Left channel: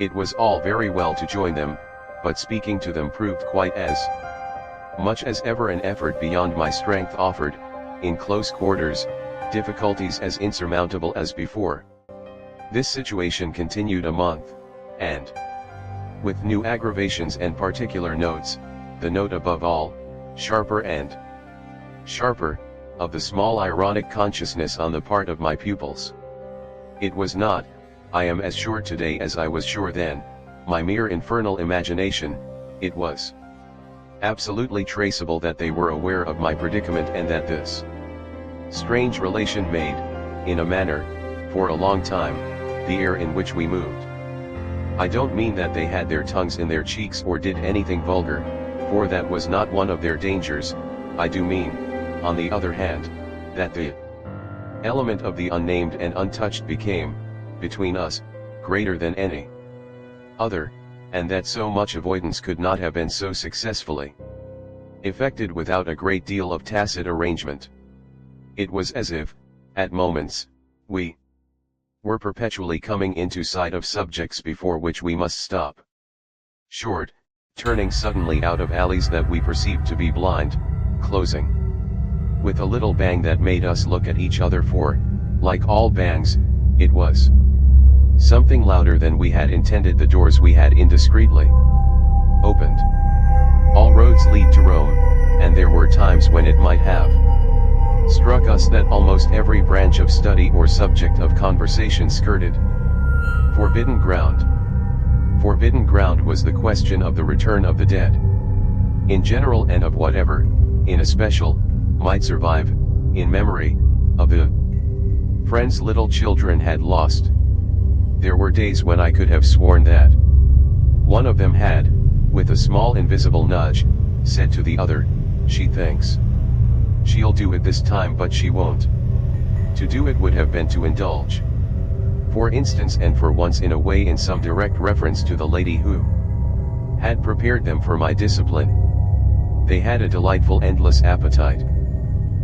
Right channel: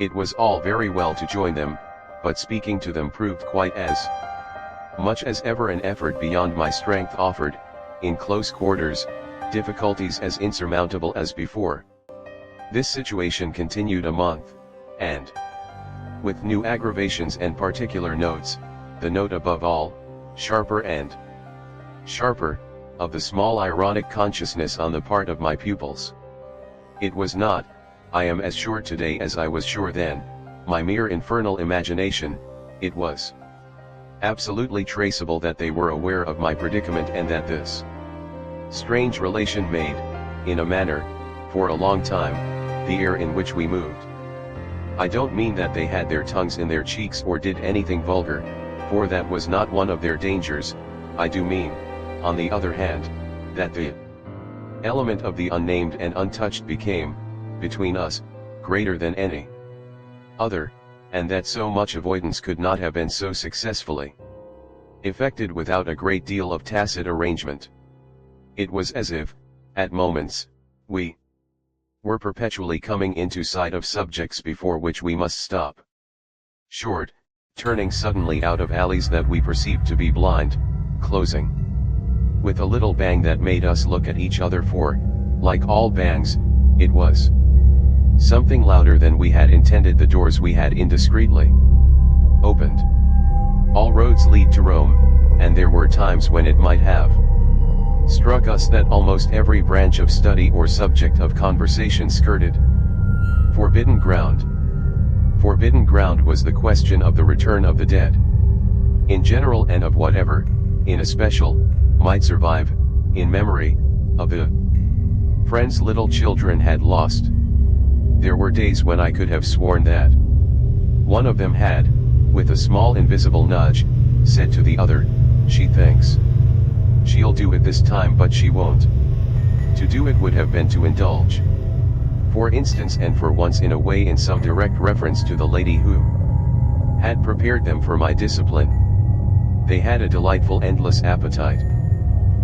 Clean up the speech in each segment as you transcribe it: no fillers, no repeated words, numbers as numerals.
It was all very well to join them, but speaking to them proved quite as much as ever an effort beyond my strength offered, in close quarters, difficulties as insurmountable as before. This situation continued a month, and, with new aggravations and particular notes, the note above all, sharper and sharper, of the small ironic consciousness on the part of my pupils. It was not, I am as sure today as I was sure then, my mere infernal imagination, it was absolutely traceable that they were aware of my predicament and that this strange relation made, in a manner, for a long time, the air in which we moved. I don't mean that they had their tongues in their cheeks or did anything vulgar, for that was not one of their dangers. I do mean, on the other hand, that the element of the unnamed and untouched became, between us, greater than any other, and that so much avoidance could not have been so successfully effected without a great deal of tacit arrangement. It was as if, at moments, we were perpetually coming into sight of subjects before which we must stop short, turning suddenly out of alleys that we perceived to be blind, closing with a little bang that made us look at each other, for, like all bangs, it was something louder than we had intended. The doors we had indiscreetly opened. All roads lead to Rome, and there were times when it might have struck us that almost every branch of study or subject of conversation skirted forbidden ground. Forbidden ground was the question of the return of the dead, in general, and of whatever, in especial, might survive, in memory, of the friends little children had lost. There were days when I could have sworn that one of them had, with a small invisible nudge, said to the other, "She thinks she'll do it this time, but she won't." To do it would have been to indulge, for instance, and for once in a way, in some direct reference to the lady who had prepared them for my discipline. They had a delightful endless appetite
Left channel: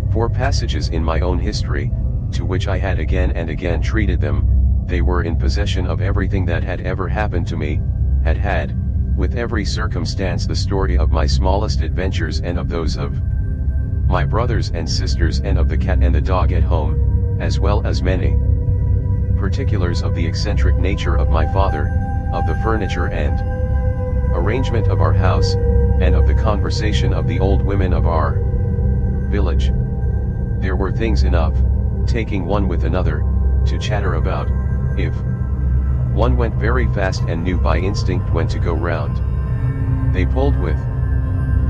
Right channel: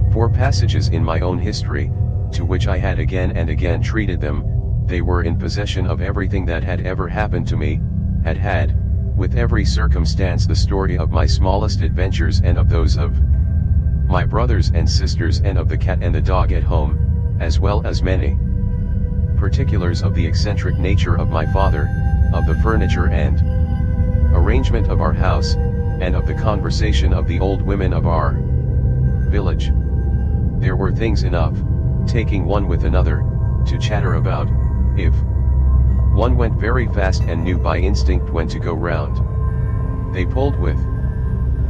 for passages in my own history, to which I had again and again treated them. They were in possession of everything that had ever happened to me, had, with every circumstance, the story of my smallest adventures and of those of my brothers and sisters, and of the cat and the dog at home, as well as many particulars of the eccentric nature of my father, of the furniture and arrangement of our house, and of the conversation of the old women of our village. There were things enough, taking one with another, to chatter about, if one went very fast and knew by instinct when to go round. They pulled with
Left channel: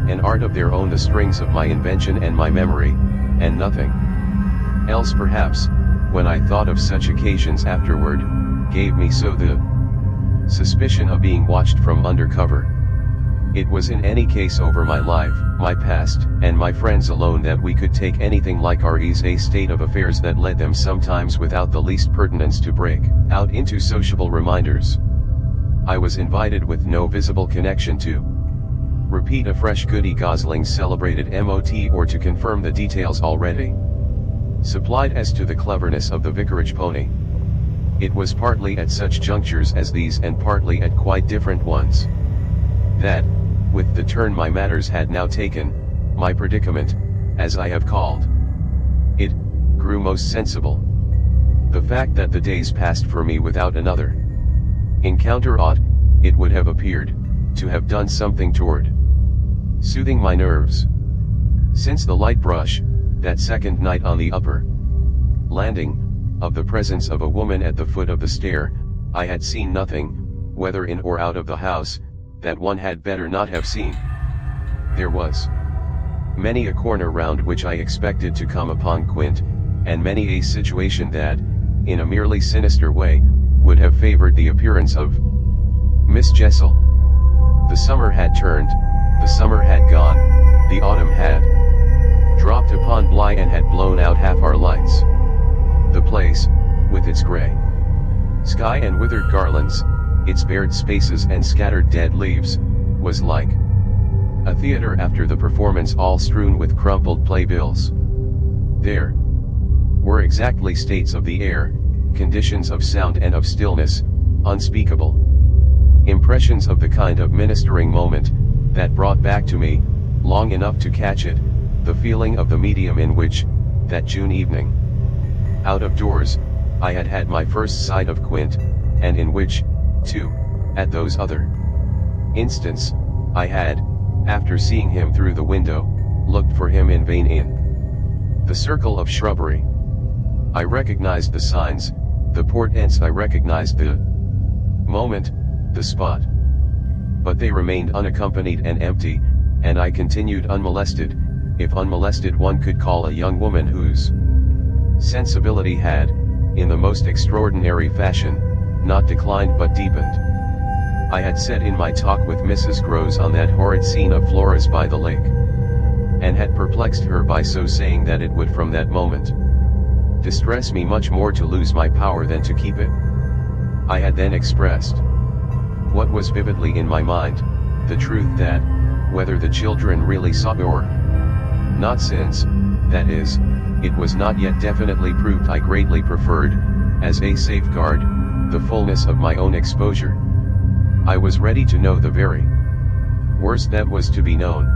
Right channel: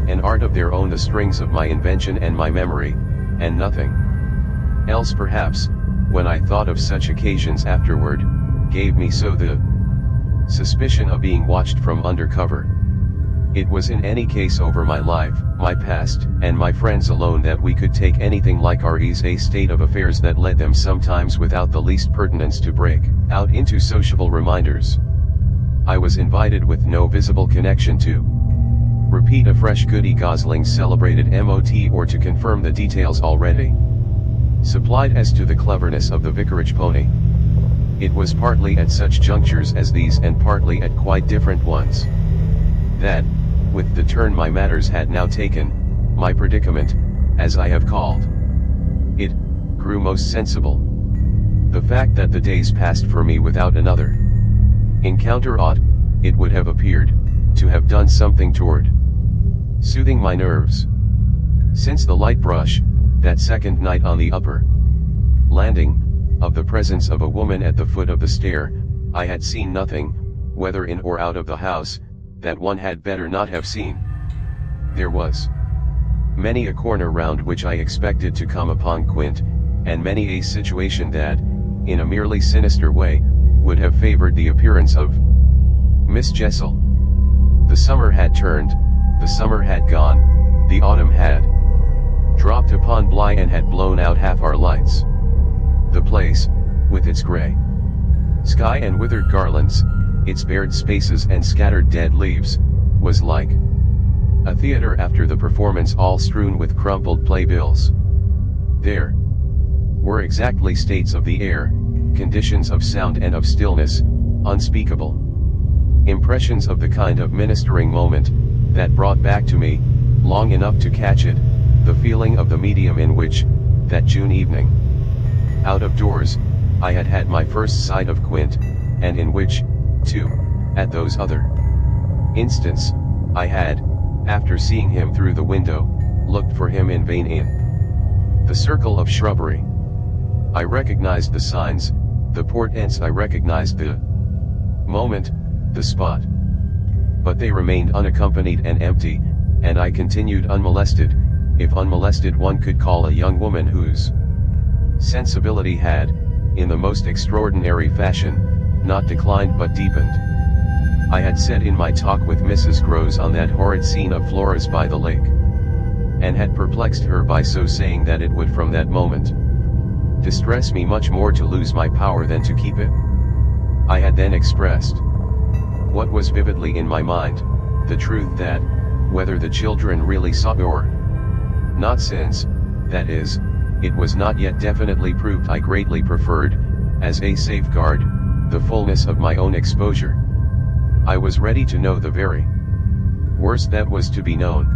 an art of their own the strings of my invention and my memory, and nothing else perhaps, when I thought of such occasions afterward, gave me so the suspicion of being watched from under cover. It was in any case over my life, my past, and my friends alone that we could take anything like our ease, a state of affairs that led them sometimes without the least pertinence to break out into sociable reminders. I was invited with no visible connection to repeat afresh Goody Gosling's celebrated MOT, or to confirm the details already supplied as to the cleverness of the vicarage pony. It was partly at such junctures as these, and partly at quite different ones, that, with the turn my matters had now taken, my predicament, as I have called it, grew most sensible. The fact that the days passed for me without another encounter ought, it would have appeared, to have done something toward soothing my nerves. Since the light brush, that second night on the upper landing, of the presence of a woman at the foot of the stair, I had seen nothing, whether in or out of the house, that one had better not have seen. There was many a corner round which I expected to come upon Quint, and many a situation that, in a merely sinister way, would have favored the appearance of Miss Jessel. The summer had turned, the summer had gone, the autumn had dropped upon Bly and had blown out half our lights. The place, with its grey sky and withered garlands, its bared spaces and scattered dead leaves, was like a theater after the performance, all strewn with crumpled playbills. There were exactly states of the air, conditions of sound and of stillness, unspeakable. Impressions of the kind of ministering moment, that brought back to me, long enough to catch it, the feeling of the medium in which, that June evening, out of doors, I had had my first sight of Quint, and in which, too, at those other instants, I had, after seeing him through the window, looked for him in vain in the circle of shrubbery. I recognized the signs, the portents, I recognized the moment, the spot. But they remained unaccompanied and empty, and I continued unmolested, if unmolested one could call a young woman whose sensibility had, in the most extraordinary fashion, not declined but deepened. I had said in my talk with Mrs. Groves on that horrid scene of Flora's by the lake, and had perplexed her by so saying that it would from that moment distress me much more to lose my power than to keep it. I had then expressed what was vividly in my mind, the truth that, whether the children really saw or not, since, that is, it was not yet definitely proved, I greatly preferred, as a safeguard, the fullness of my own exposure. I was ready to know the very worst that was to be known.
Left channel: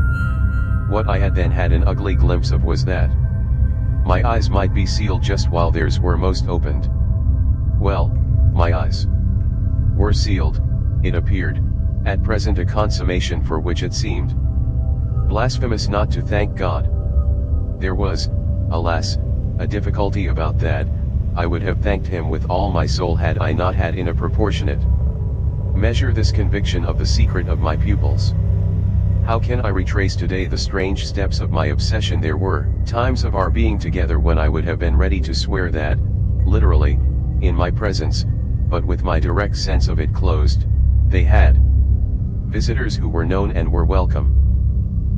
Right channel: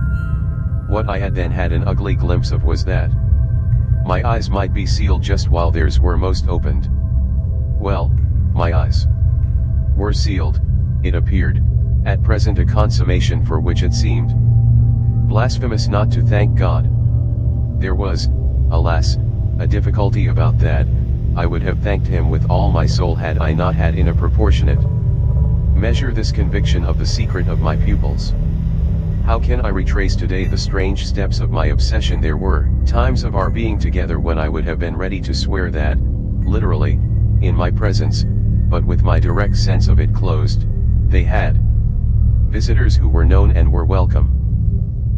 What I had then had an ugly glimpse of was that my eyes might be sealed just while theirs were most opened. Well, my eyes were sealed, it appeared, at present, a consummation for which it seemed blasphemous not to thank God. There was, alas, a difficulty about that. I would have thanked him with all my soul had I not had in a proportionate measure this conviction of the secret of my pupils. How can I retrace today the strange steps of my obsession? There were times of our being together when I would have been ready to swear that, literally, in my presence, but with my direct sense of it closed, they had visitors who were known and were welcome.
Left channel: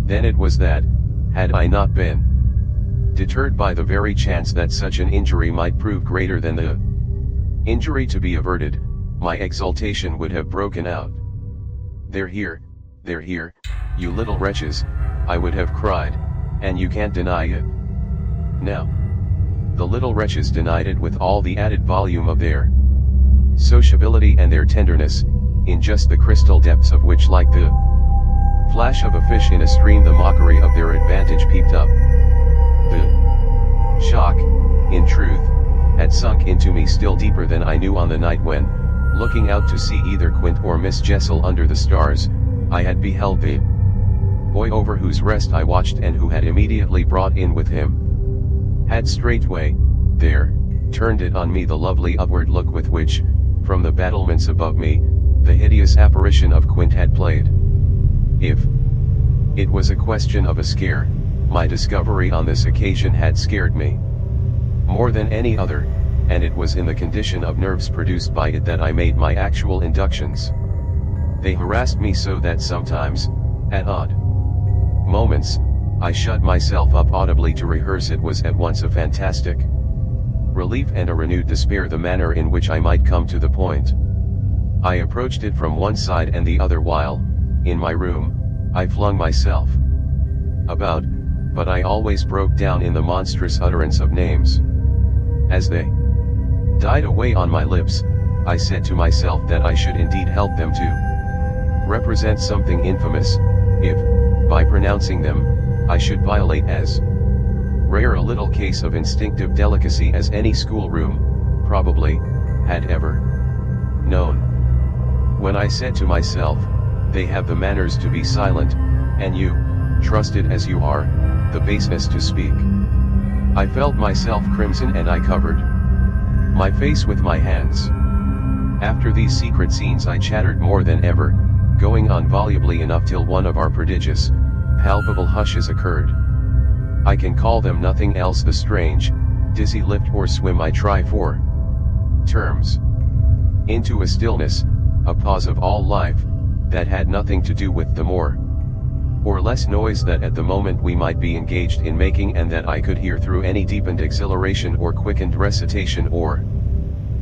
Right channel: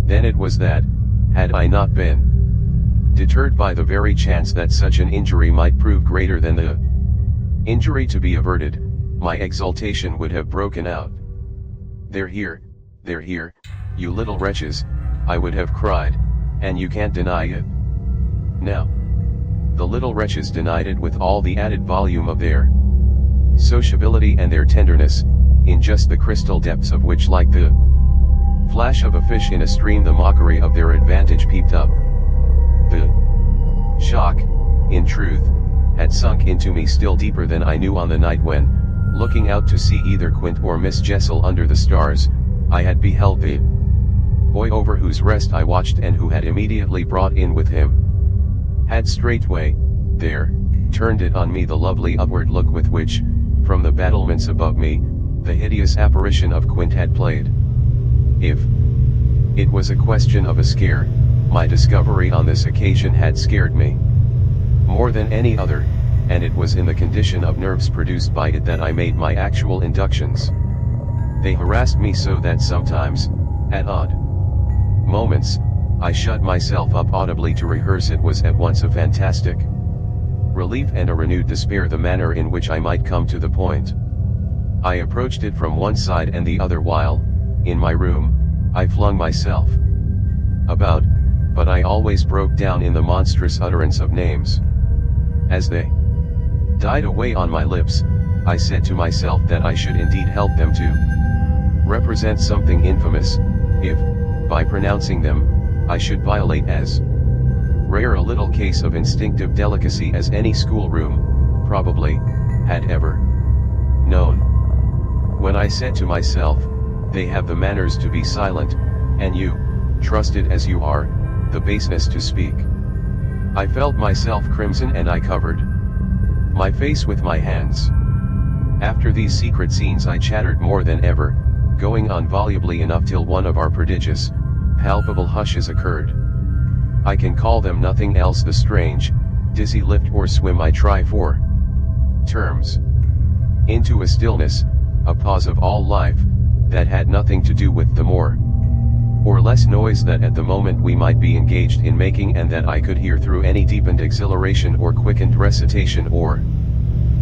Then it was that, had I not been deterred by the very chance that such an injury might prove greater than the injury to be averted, my exultation would have broken out. They're here, you little wretches, I would have cried, and you can't deny it. Now, the little wretches denied it with all the added volume of their sociability and their tenderness, in just the crystal depths of which, like the flash of a fish in a stream, the mockery of their advantage peeped up. The shock, in truth, had sunk into me still deeper than I knew on the night when, looking out to see either Quint or Miss Jessel under the stars, I had beheld the boy over whose rest I watched, and who had immediately brought in with him, had straightway, there, turned it on me the lovely upward look with which, from the battlements above me, the hideous apparition of Quint had played. If it was a question of a scare, my discovery on this occasion had scared me more than any other, and it was in the condition of nerves produced by it that I made my actual inductions. They harassed me so that sometimes, at odd moments, I shut myself up audibly to rehearse. It was at once a fantastic relief and a renewed despair the manner in which I might come to the point. I approached it from one side and the other while, in my room, I flung myself about, but I always broke down in the monstrous utterance of names. As they died away on my lips, I said to myself that I should indeed help them to represent something infamous, if, by pronouncing them, I should violate as rare a little case of instinctive delicacy as any schoolroom, probably, had ever known. When I said to myself, they have the manners to be silent, and you, trusted as you are, the baseness to speak, I felt myself crimson, and I covered my face with my hands. After these secret scenes I chattered more than ever, going on volubly enough till one of our prodigious, palpable hushes occurred. I can call them nothing else, the strange, dizzy lift or swim I try for terms. Into a stillness, a pause of all life, that had nothing to do with the more or less noise that at the moment we might be engaged in making, and that I could hear through any deepened exhilaration or quickened recitation or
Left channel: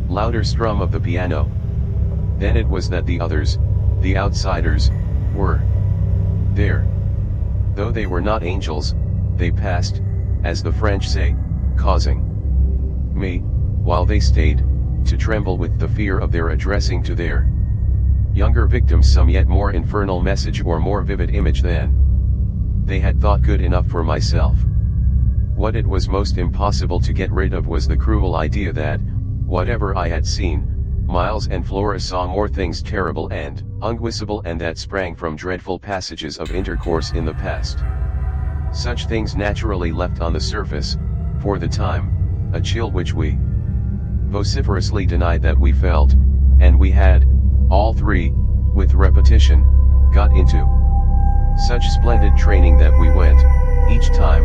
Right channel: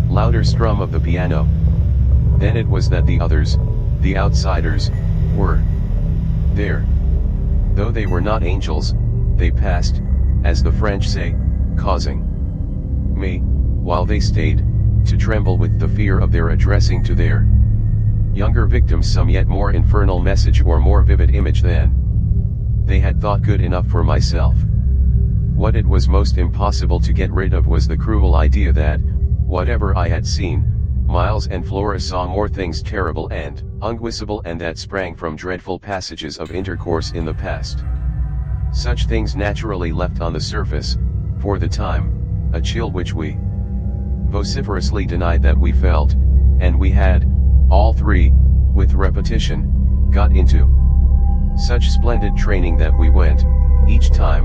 louder strum of the piano. Then it was that the others, the outsiders, were there. Though they were not angels, they passed, as the French say, causing me, while they stayed, to tremble with the fear of their addressing to their Younger victims some yet more infernal message or more vivid image than they had thought good enough for myself. What it was most impossible to get rid of was the cruel idea that, whatever I had seen, Miles and Flora saw more things terrible and unguessable and that sprang from dreadful passages of intercourse in the past. Such things naturally left on the surface, for the time, a chill which we vociferously denied that we felt, and we had, all three, with repetition, got into such splendid training that we went, each time,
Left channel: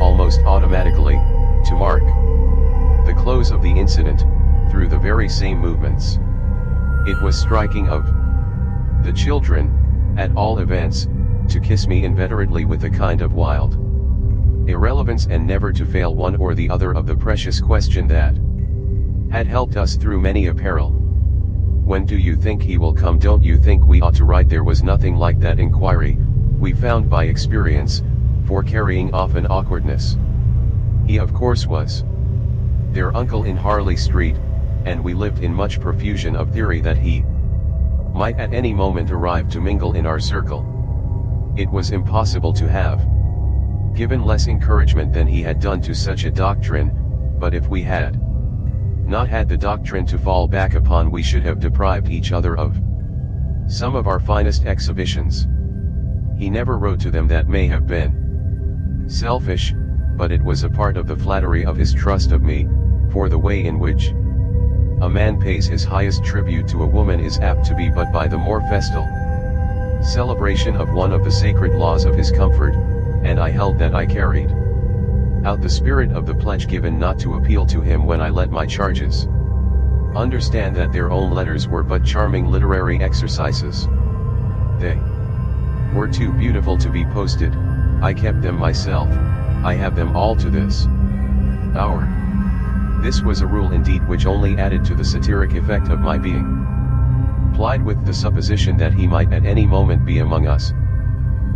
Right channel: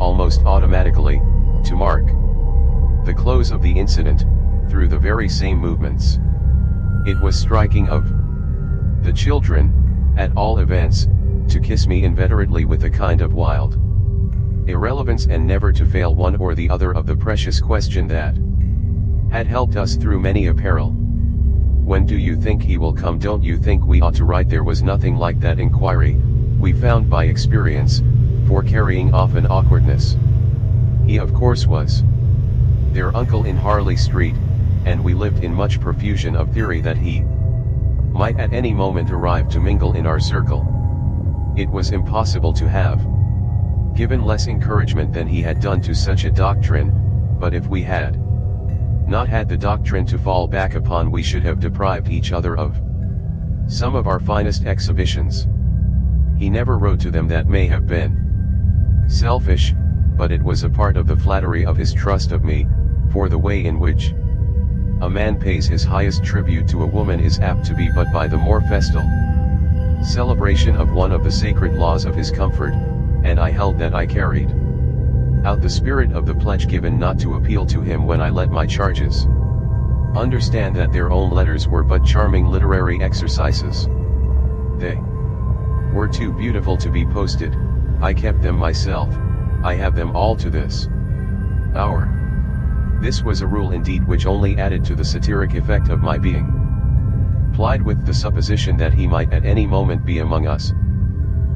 almost automatically, to mark the close of the incident, through the very same movements. It was striking of the children, at all events, to kiss me inveterately with a kind of wild irrelevance and never to fail one or the other of the precious question that had helped us through many a peril. When do you think he will come? Don't you think we ought to write? There was nothing like that inquiry, we found by experience, for carrying off an awkwardness. He of course was their uncle in Harley Street, and we lived in much profusion of theory that he might at any moment arrive to mingle in our circle. It was impossible to have given less encouragement than he had done to such a doctrine, but if we had not had the doctrine to fall back upon, we should have deprived each other of some of our finest exhibitions. He never wrote to them. That may have been selfish, but it was a part of the flattery of his trust of me, for the way in which a man pays his highest tribute to a woman is apt to be but by the more festal celebration of one of the sacred laws of his comfort, and I held that I carried out the spirit of the pledge given not to appeal to him when I let my charges understand that their own letters were but charming literary exercises. They were too beautiful to be posted. I kept them myself. I have them all to this hour. This was a rule indeed which only added to the satiric effect of my being plied with the supposition that he might at any moment be among us.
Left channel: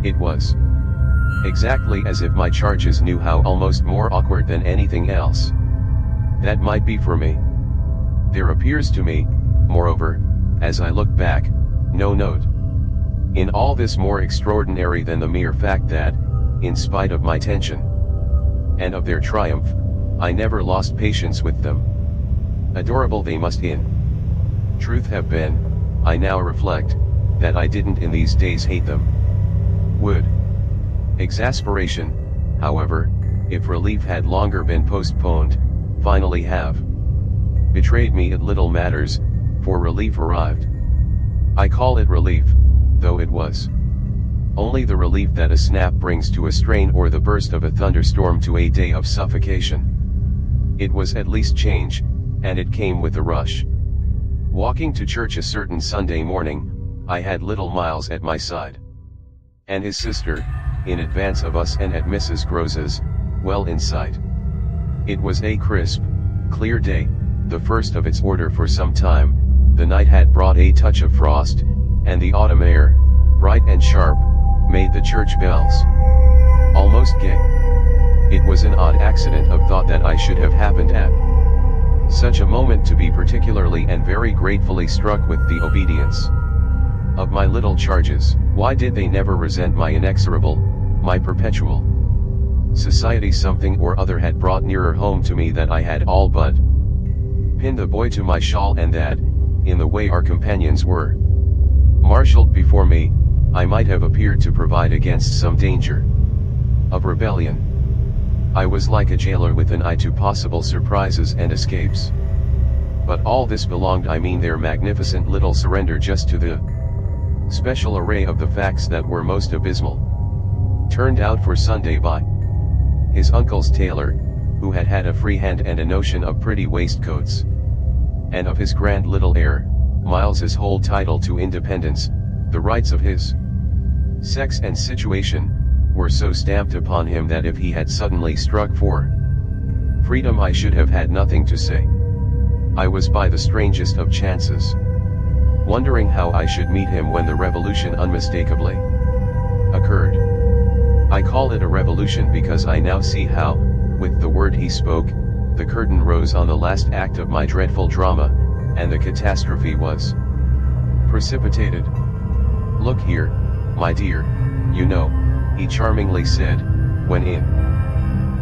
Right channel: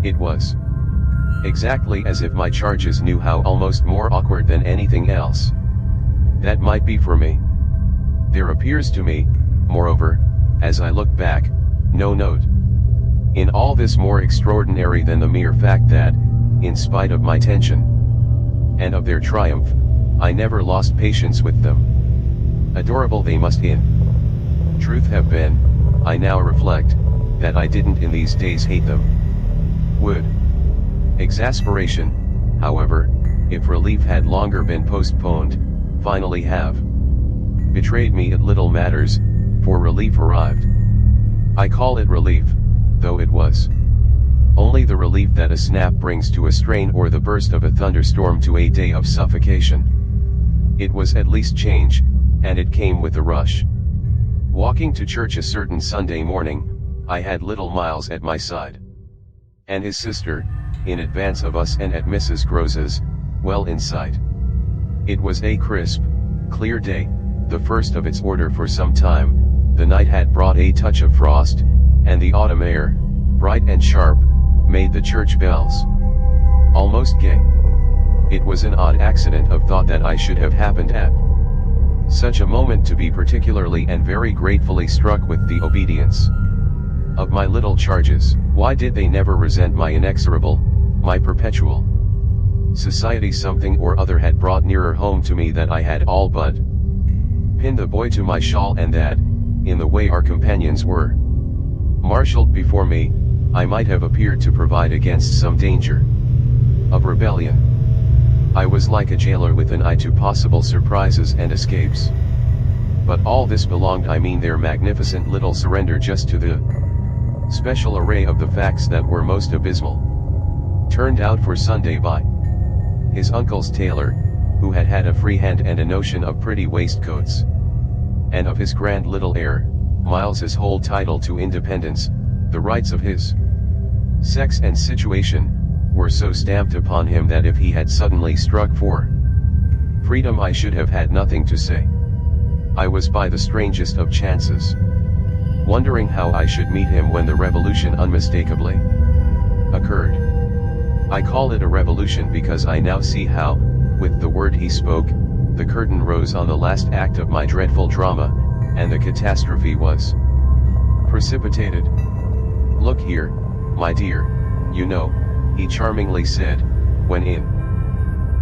It was exactly as if my charges knew how almost more awkward than anything else that might be for me. There appears to me, moreover, as I look back, no note in all this more extraordinary than the mere fact that, in spite of my tension and of their triumph, I never lost patience with them. Adorable they must in truth have been, I now reflect, that I didn't in these days hate them. Would exasperation, however, if relief had longer been postponed, finally have betrayed me. It little matters, for relief arrived. I call it relief, though it was only the relief that a snap brings to a strain or the burst of a thunderstorm to a day of suffocation. It was at least change, and it came with a rush. Walking to church a certain Sunday morning, I had little Miles at my side, and his sister, in advance of us and at Mrs. Grose's, well in sight. It was a crisp, clear day, the first of its order for some time. The night had brought a touch of frost, and the autumn air, bright and sharp, made the church bells almost gay. It was an odd accident of thought that I should have happened at such a moment to be particularly and very gratefully struck with the obedience of my little charges. Why did they never resent my inexorable, my perpetual society? Something or other had brought nearer home to me that I had all but pinned the boy to my shawl, and that, in the way our companions were marshaled before me, I might have appeared to provide against some danger of rebellion. I was like a jailer with an eye to possible surprises and escapes. But all this belonged, I mean their magnificent little surrender, just to the special array of the facts that were most abysmal. Turned out for Sunday by his uncle's tailor, who had had a free hand and a notion of pretty waistcoats, and of his grand little heir, Miles's whole title to independence, the rights of his sex and situation, were so stamped upon him that if he had suddenly struck for freedom I should have had nothing to say. I was by the strangest of chances wondering how I should meet him when the revolution unmistakably occurred. I call it a revolution because I now see how, with the word he spoke, the curtain rose on the last act of my dreadful drama, and the catastrophe was precipitated. "Look here, my dear, you know," he charmingly said, "when in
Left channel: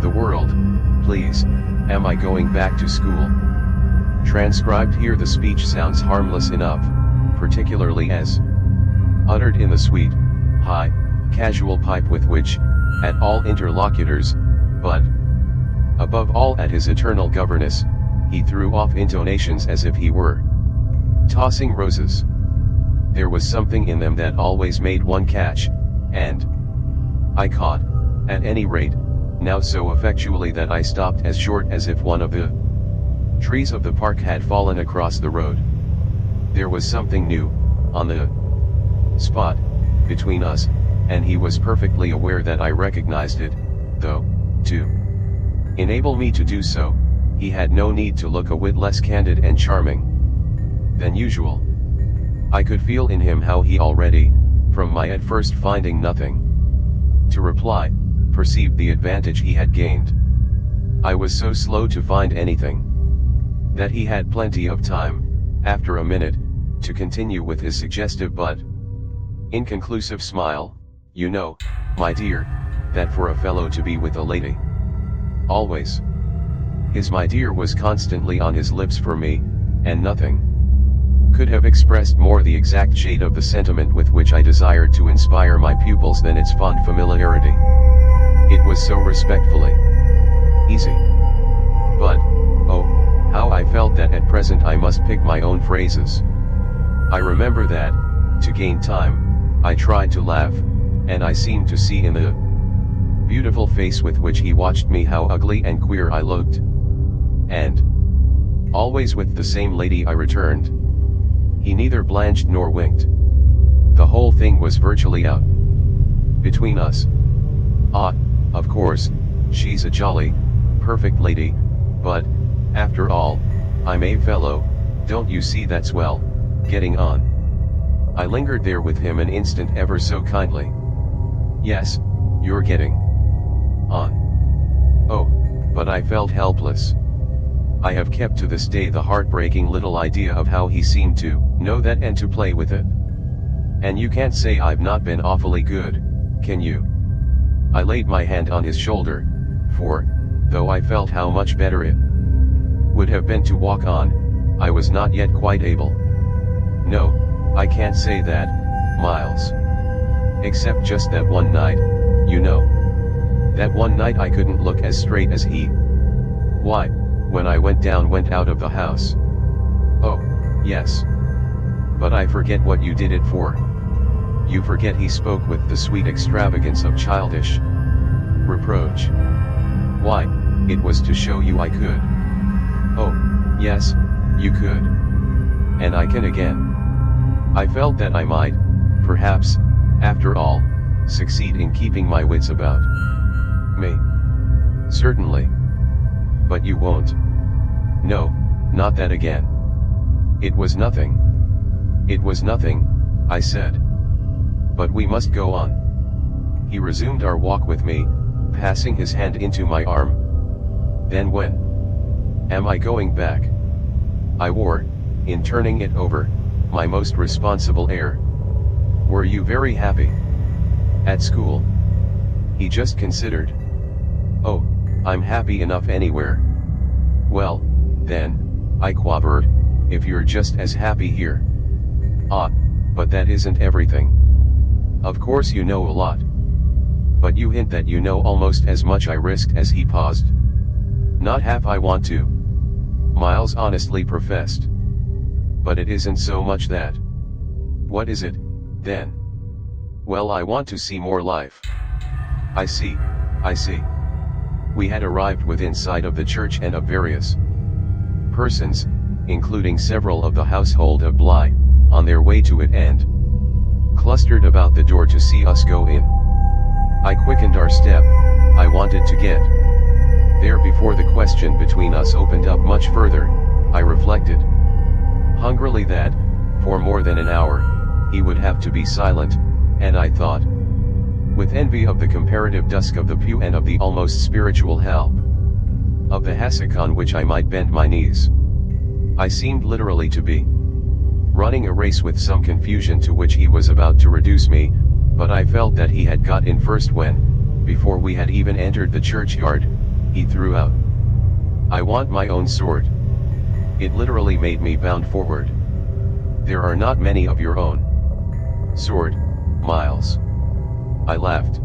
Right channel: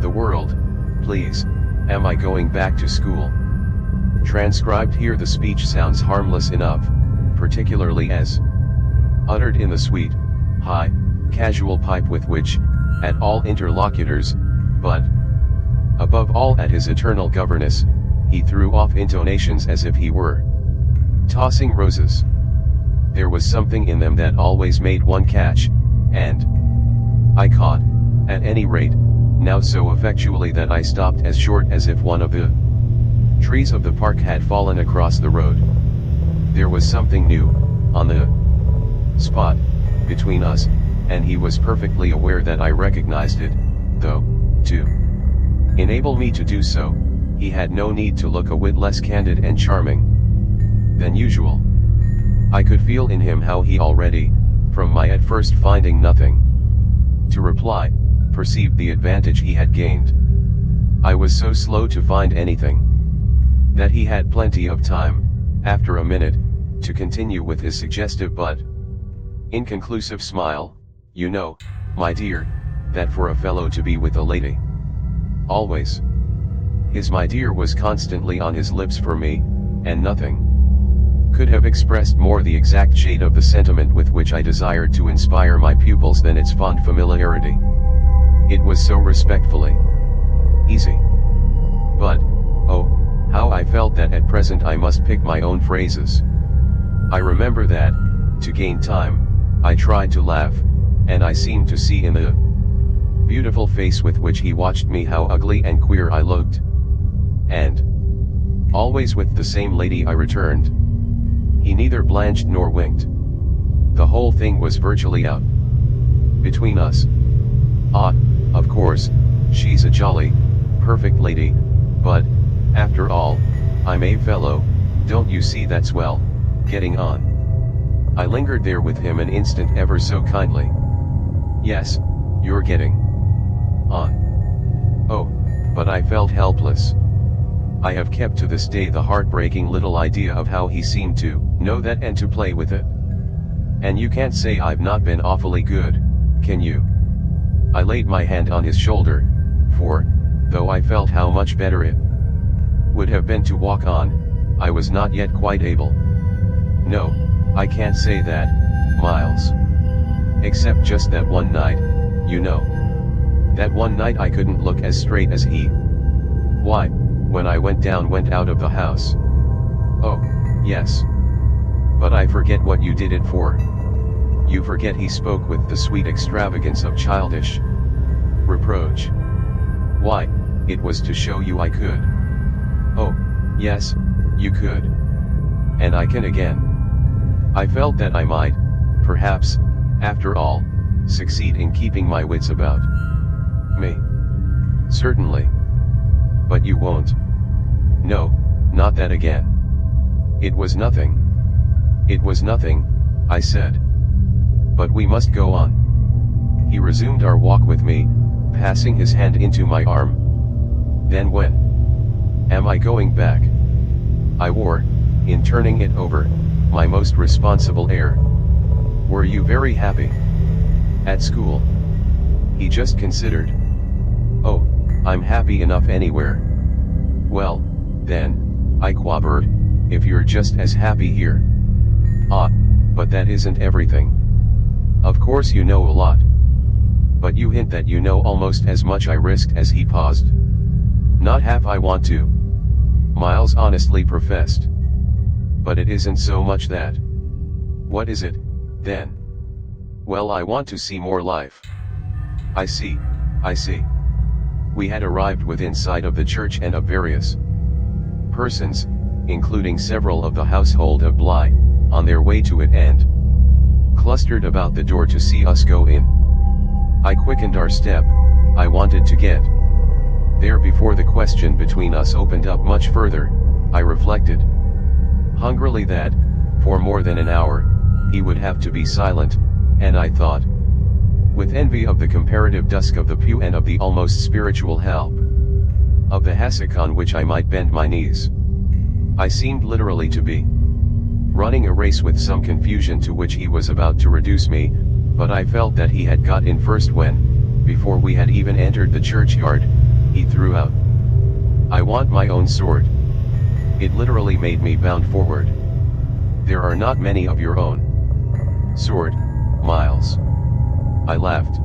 the world, please, am I going back to school?" Transcribed here, the speech sounds harmless enough, particularly as uttered in the sweet, high, casual pipe with which, at all interlocutors, but above all at his eternal governess, he threw off intonations as if he were tossing roses. There was something in them that always made one catch, and I caught, at any rate, now so effectually that I stopped as short as if one of the trees of the park had fallen across the road. There was something new, on the spot, between us, and he was perfectly aware that I recognized it, though, to enable me to do so, he had no need to look a whit less candid and charming than usual. I could feel in him how he already, from my at first finding nothing to reply, perceived the advantage he had gained. I was so slow to find anything that he had plenty of time, after a minute, to continue with his suggestive but inconclusive smile, "You know, my dear, that for a fellow to be with a lady always," his "my dear" was constantly on his lips for me, and nothing could have expressed more the exact shade of the sentiment with which I desired to inspire my pupils than its fond familiarity. It was so respectfully easy. But, oh, how I felt that at present I must pick my own phrases. I remember that, to gain time, I tried to laugh, and I seemed to see in the beautiful face with which he watched me how ugly and queer I looked. And always with the same lady I returned. He neither blanched nor winked. The whole thing was virtually out between us. Ah, of course, she's a jolly, perfect lady, but, after all, I'm a fellow, don't you see that's well, getting on. I lingered there with him an instant ever so kindly. Yes, you're getting on. Oh, but I felt helpless. I have kept to this day the heartbreaking little idea of how he seemed to know that and to play with it. And you can't say I've not been awfully good, can you? I laid my hand on his shoulder, for, though I felt how much better it would have been to walk on, I was not yet quite able. No, I can't say that, Miles. Except just that one night, you know. That one night I couldn't look as straight as he. Why, when I went out of the house. Oh, yes. But I forget what you did it for. You forget he spoke with the sweet extravagance of childish reproach. Why, it was to show you I could. Oh, yes, you could. And I can again. I felt that I might, perhaps, after all, succeed in keeping my wits about me. Certainly. But you won't. No, not that again. It was nothing. It was nothing, I said. But we must go on. He resumed our walk with me, passing his hand into my arm. Then when am I going back? I wore, in turning it over, my most responsible air. Were you very happy at school? He just considered. Oh, I'm happy enough anywhere. Well, then, I quavered, if you're just as happy here. Ah, but that isn't everything. Of course you know a lot. But you hint that you know almost as much. I risked as he paused. Not half I want to, Miles honestly professed. But it isn't so much that. What is it, then? Well, I want to see more life. I see, I see. We had arrived within sight of the church and of various persons, including several of the household of Bly, on their way to it and clustered about the door to see us go in. I quickened our step. I wanted to get there before the question between us opened up much further. I reflected hungrily that, for more than an hour, he would have to be silent, and I thought with envy of the comparative dusk of the pew and of the almost spiritual help of the hassock on which I might bend my knees. I seemed literally to be running a race with some confusion to which he was about to reduce me, but I felt that he had got in first when, before we had even entered the churchyard, he threw out, "I want my own sword." It literally made me bound forward. "There are not many of your own sword, Miles." I laughed.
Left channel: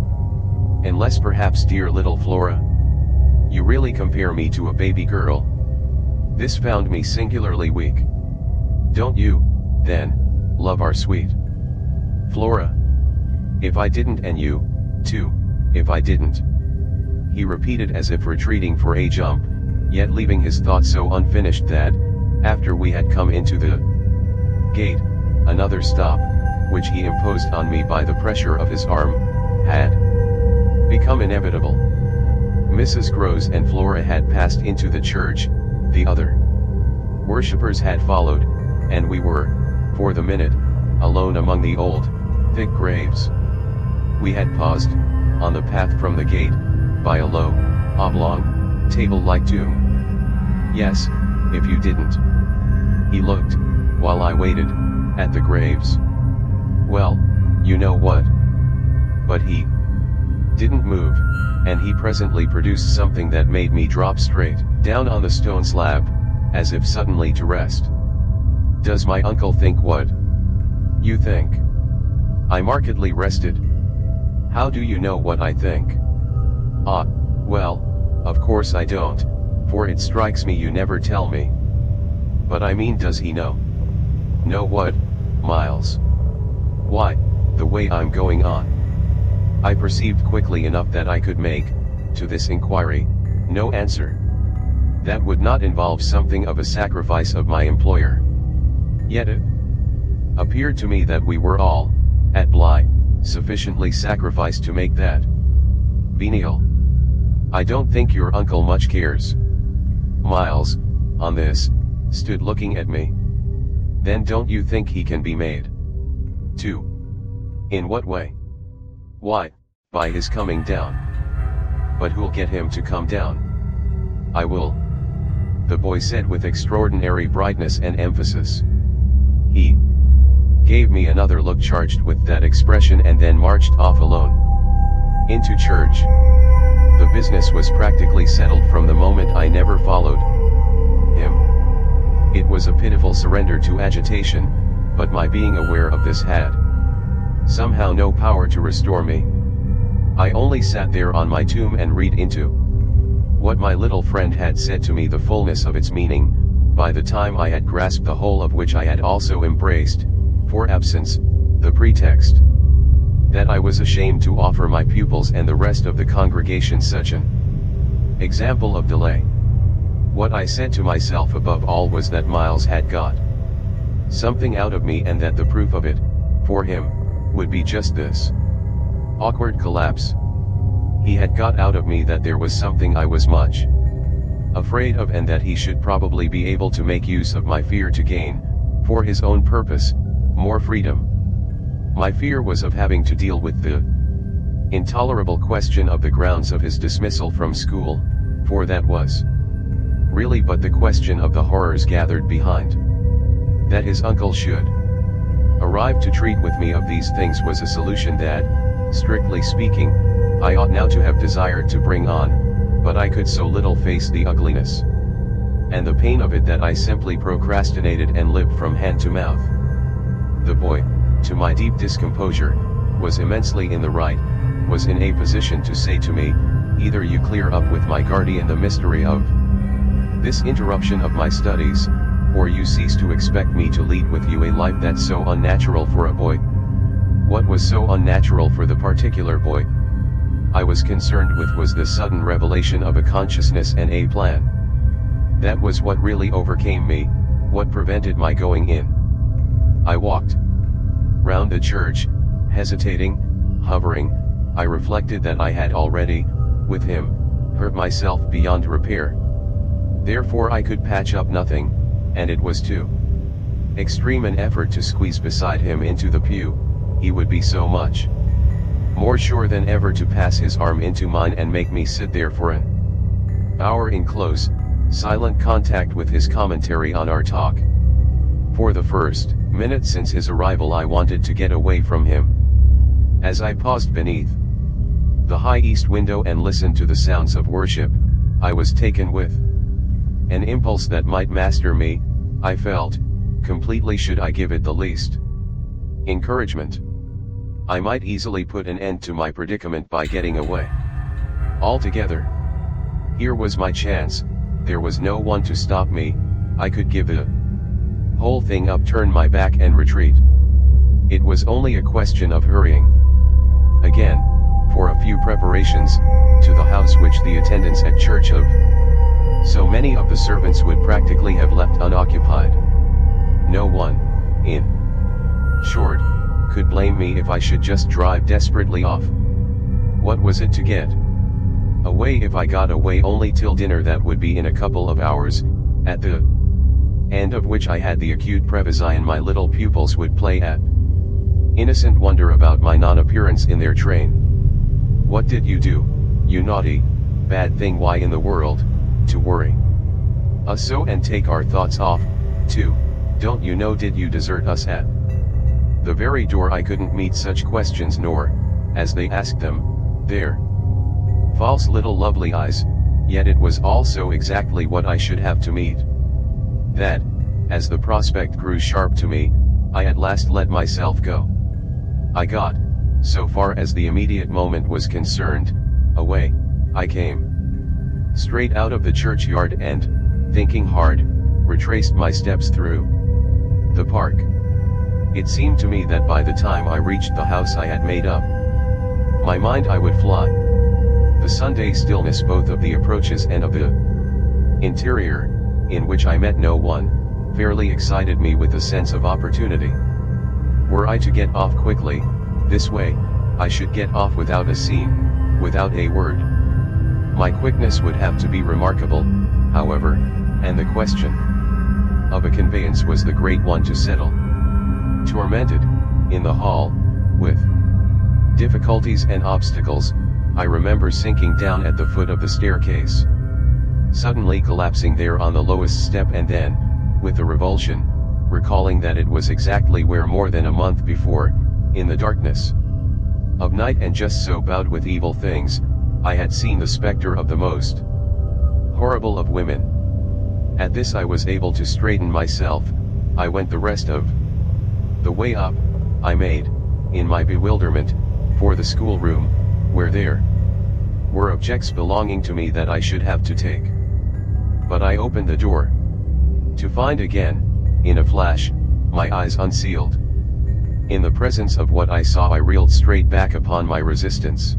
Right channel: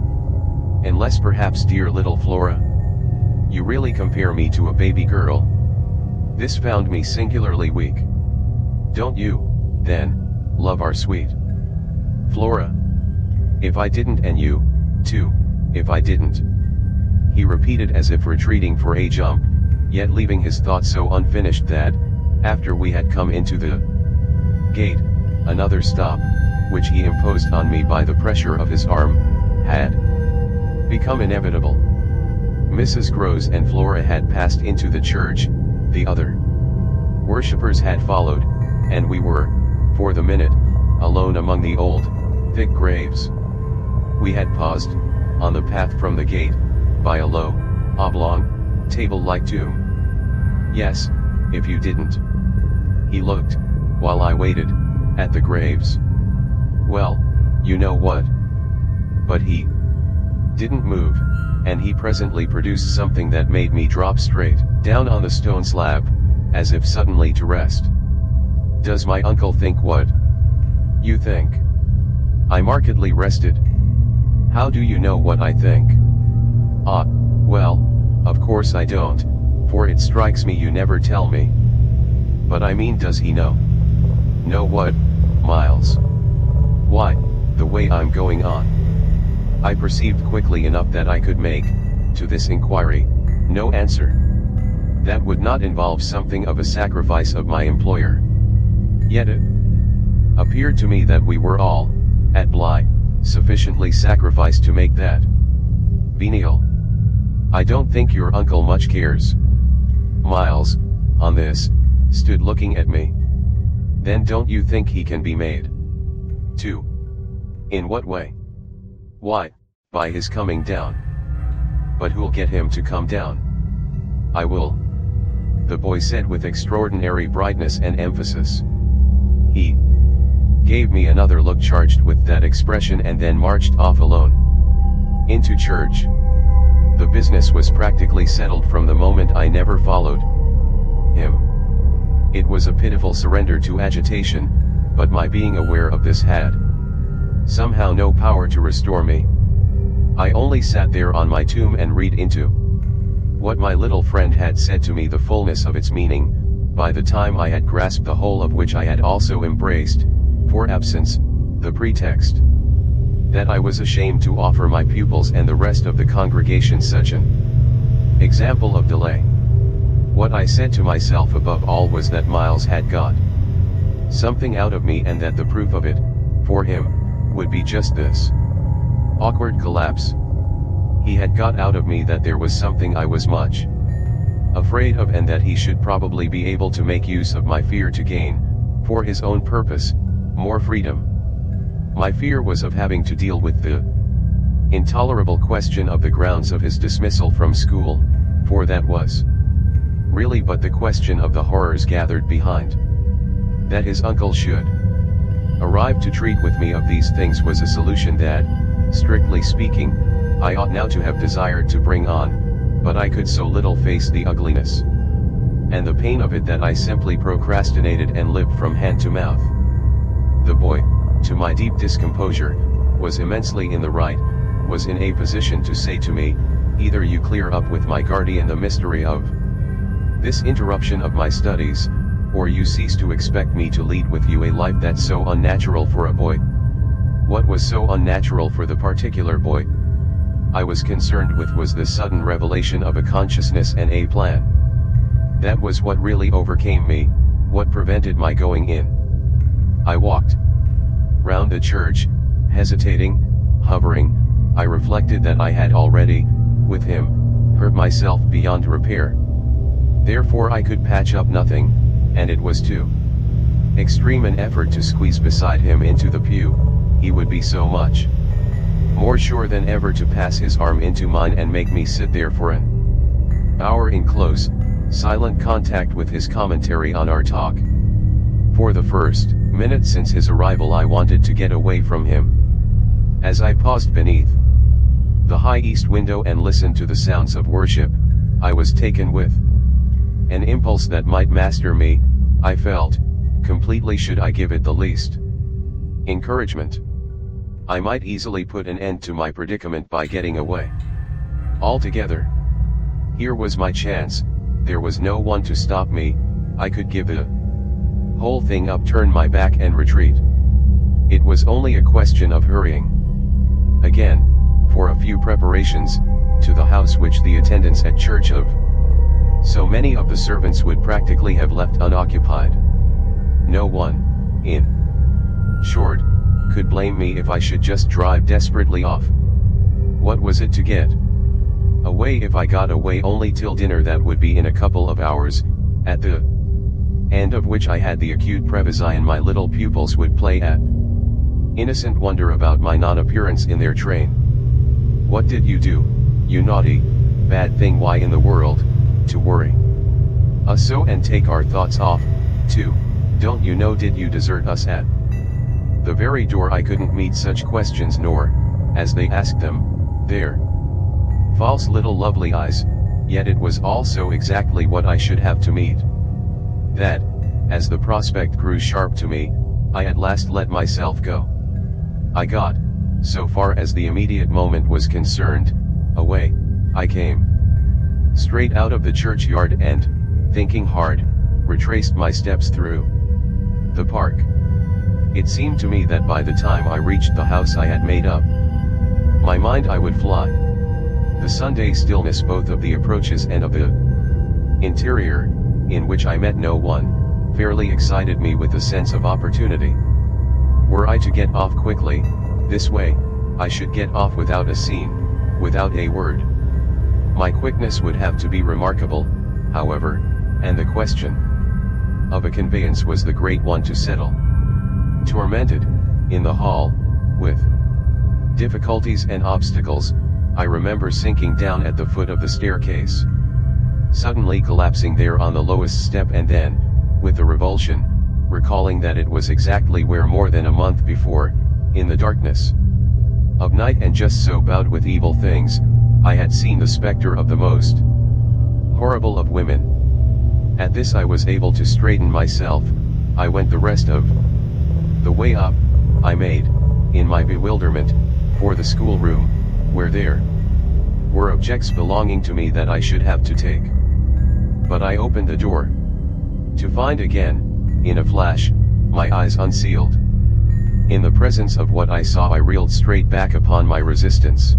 "Unless perhaps dear little Flora? You really compare me to a baby girl?" This found me singularly weak. "Don't you, then, love our sweet Flora? If I didn't, and you, too, if I didn't," he repeated as if retreating for a jump, yet leaving his thought so unfinished that, after we had come into the gate, another stop, which he imposed on me by the pressure of his arm, had become inevitable. Mrs. Groves and Flora had passed into the church, the other worshippers had followed, and we were, for the minute, alone among the old, thick graves. We had paused, on the path from the gate, by a low, oblong, table-like tomb. "Yes, if you didn't." He looked, while I waited, at the graves. "Well, you know what?" But he didn't move, and he presently produced something that made me drop straight down on the stone slab, as if suddenly to rest. "Does my uncle think what you think?" I markedly rested. "How do you know what I think?" "Ah, well, of course I don't, for it strikes me you never tell me." "But I mean, does he know?" "Know what, Miles?" "Why, the way I'm going on." I perceived quickly enough that I could make, to this inquiry, no answer. That would not involve something of a sacrifice of my employer. Yet it appeared to me that we were all, at Bly, sufficiently sacrificed to make that venial. "I don't think your uncle much cares." Miles, on this, stood looking at me. "Then don't you think he can be made to?" "In what way?" "Why, by his coming down." "But who'll get him to come down?" "I will," the boy said with extraordinary brightness and emphasis. He gave me another look charged with that expression and then marched off alone into church. The business was practically settled from the moment I never followed him. It was a pitiful surrender to agitation, but my being aware of this had somehow no power to restore me. I only sat there on my tomb and read into what my little friend had said to me the fullness of its meaning, by the time I had grasped the whole of which I had also embraced, for absence, the pretext that I was ashamed to offer my pupils and the rest of the congregation such an example of delay. What I said to myself above all was that Miles had got something out of me and that the proof of it, for him, would be just this awkward collapse. He had got out of me that there was something I was much afraid of and that he should probably be able to make use of my fear to gain, for his own purpose, more freedom. My fear was of having to deal with the intolerable question of the grounds of his dismissal from school, for that was really but the question of the horrors gathered behind. That his uncle should arrive to treat with me of these things was a solution that, strictly speaking, I ought now to have desired to bring on, but I could so little face the ugliness and the pain of it that I simply procrastinated and lived from hand to mouth. The boy, to my deep discomposure, was immensely in the right, was in a position to say to me, "Either you clear up with my guardian the mystery of this interruption of my studies, or you cease to expect me to lead with you a life that's so unnatural for a boy." What was so unnatural for the particular boy I was concerned with was the sudden revelation of a consciousness and a plan. That was what really overcame me, what prevented my going in. I walked round the church, hesitating, hovering. I reflected that I had already, with him, hurt myself beyond repair. Therefore I could patch up nothing, and it was too extreme an effort to squeeze beside him into the pew. He would be so much more sure than ever to pass his arm into mine and make me sit there for an hour in close, silent contact with his commentary on our talk. For the first Minutes since his arrival I wanted to get away from him. As I paused beneath the high east window and listened to the sounds of worship, I was taken with an impulse that might master me. I felt, completely, should I give it the least encouragement, I might easily put an end to my predicament by getting away altogether. Here was my chance, there was no one to stop me, I could give the whole thing up, turn my back and retreat. It was only a question of hurrying again, for a few preparations, to the house which the attendants at church of so many of the servants would practically have left unoccupied. No one, in short, could blame me if I should just drive desperately off. What was it to get away? If I got away only till dinner, that would be in a couple of hours, at the end of which I had the acute previsy and my little pupils would play at innocent wonder about my non-appearance in their train. What did you do, you naughty, bad thing? Why in the world, to worry us so and take our thoughts off, too, don't you know? Did you desert us at the very door? I couldn't meet such questions, nor, as they asked them, their false little lovely eyes, yet it was also exactly what I should have to meet. That, as the prospect grew sharp to me, I at last let myself go. I got, so far as the immediate moment was concerned, away. I came straight out of the churchyard and, thinking hard, retraced my steps through the park. It seemed to me that by the time I reached the house I had made up my mind I would fly. The Sunday stillness both of the approaches and of the interior, in which I met no one, fairly excited me with a sense of opportunity. Were I to get off quickly, this way, I should get off without a scene, without a word. My quickness would have to be remarkable, however, and the question of a conveyance was the great one to settle. Tormented, in the hall, with difficulties and obstacles, I remember sinking down at the foot of the staircase, suddenly collapsing there on the lowest step, and then, with a revulsion, recalling that it was exactly where more than a month before, in the darkness of night and just so bowed with evil things, I had seen the specter of the most horrible of women. At this I was able to straighten myself. I went the rest of the way up, I made, in my bewilderment, for the schoolroom, where there were objects belonging to me that I should have to take. But I opened the door, to find again, in a flash, my eyes unsealed. In the presence of what I saw I reeled straight back upon my resistance.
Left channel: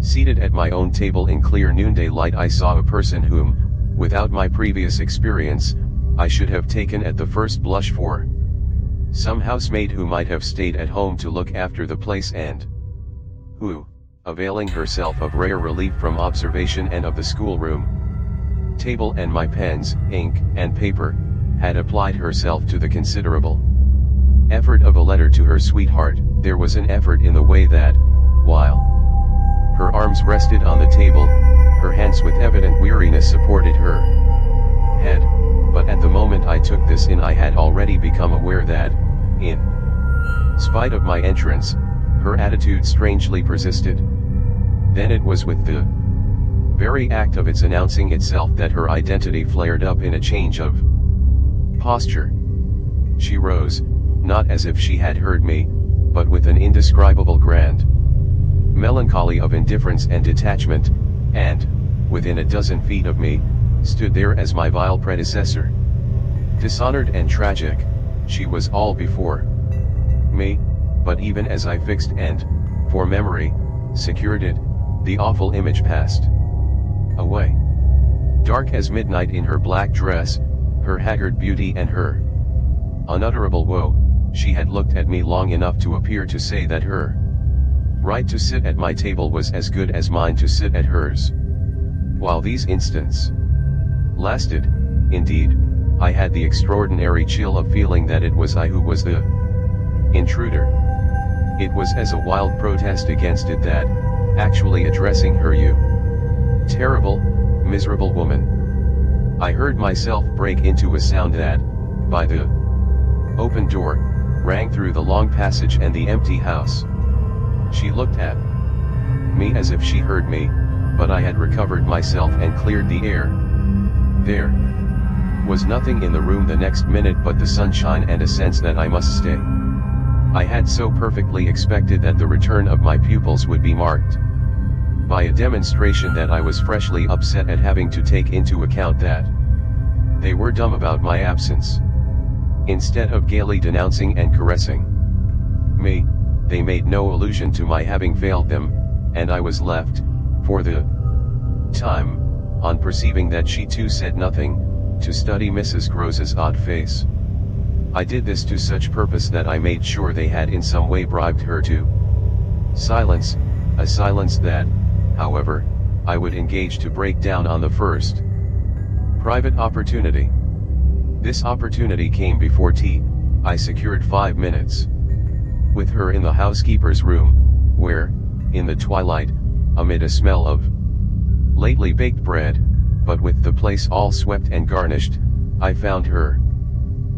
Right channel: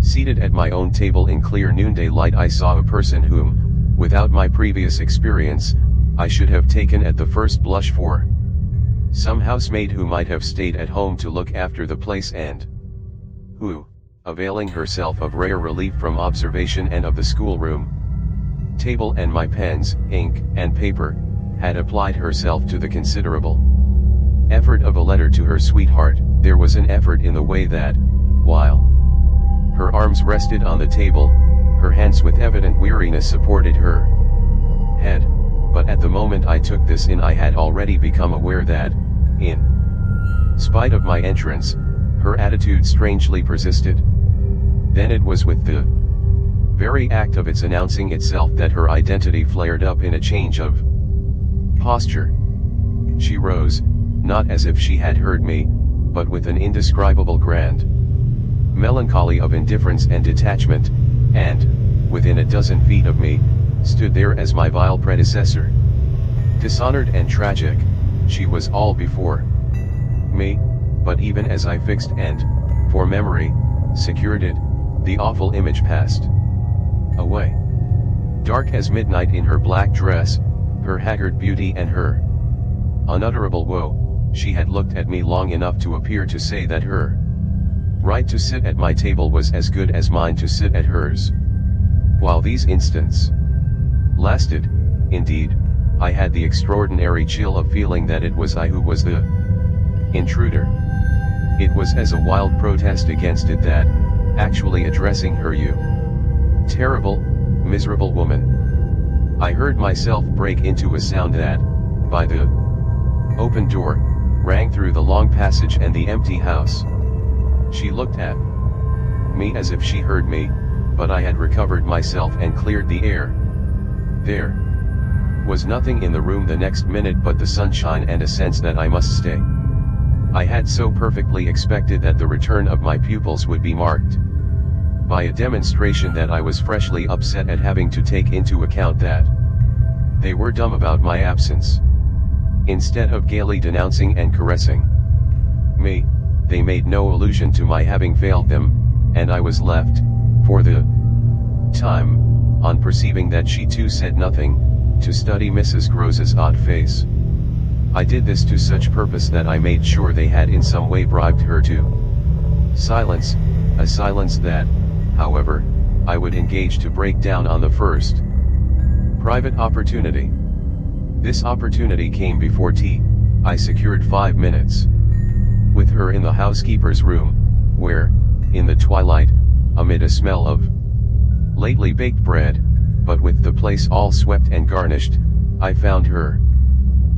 Seated at my own table in clear noonday light I saw a person whom, without my previous experience, I should have taken at the first blush for some housemaid who might have stayed at home to look after the place, and who, availing herself of rare relief from observation and of the schoolroom table and my pens, ink, and paper, had applied herself to the considerable effort of a letter to her sweetheart. There was an effort in the way that, while her arms rested on the table, her hands with evident weariness supported her head, but at the moment I took this in I had already become aware that, in spite of my entrance, her attitude strangely persisted. Then it was with the very act of its announcing itself that her identity flared up in a change of posture. She rose, not as if she had heard me, but with an indescribable grand melancholy of indifference and detachment, and, within a dozen feet of me, stood there as my vile predecessor. Dishonored and tragic, she was all before me, but even as I fixed and, for memory, secured it, the awful image passed away. Dark as midnight in her black dress, her haggard beauty and her unutterable woe, she had looked at me long enough to appear to say that her right to sit at my table was as good as mine to sit at hers. While these instants lasted, indeed, I had the extraordinary chill of feeling that it was I who was the intruder. It was as a wild protest against it that, actually addressing her, "You terrible, miserable woman," I heard myself break into a sound that, by the Open door, rang through the long passage and the empty house. She looked at me as if she heard me, but I had recovered myself and cleared the air. There was nothing in the room the next minute but the sunshine and a sense that I must stay. I had so perfectly expected that the return of my pupils would be marked by a demonstration that I was freshly upset at having to take into account that they were dumb about my absence. Instead of gaily denouncing and caressing me, they made no allusion to my having failed them, and I was left, for the time, on perceiving that she too said nothing, to study Mrs. Grose's odd face. I did this to such purpose that I made sure they had in some way bribed her to silence, a silence that, however, I would engage to break down on the first private opportunity. This opportunity came before tea. I secured 5 minutes with her in the housekeeper's room, where, in the twilight, amid a smell of lately baked bread, but with the place all swept and garnished, I found her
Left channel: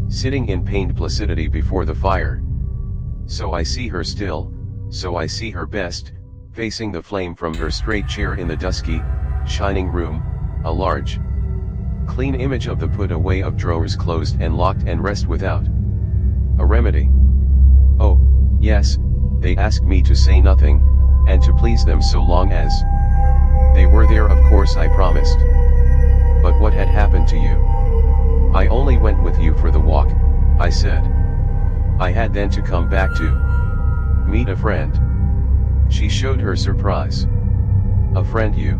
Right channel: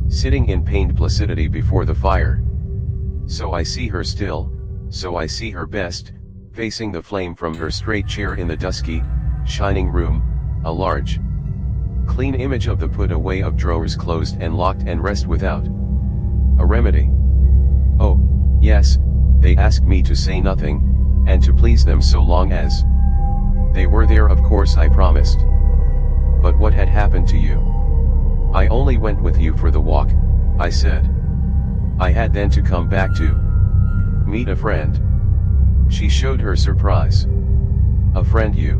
sitting in pained placidity before the fire. So I see her still, so I see her best, facing the flame from her straight chair in the dusky, shining room, a large, clean image of the put away of drawers closed and locked and rest without a remedy. Oh, yes, they asked me to say nothing, and to please them so long as they were there, of course I promised. But what had happened to you? I only went with you for the walk, I said. I had then to come back to meet a friend. She showed her surprise. A friend you?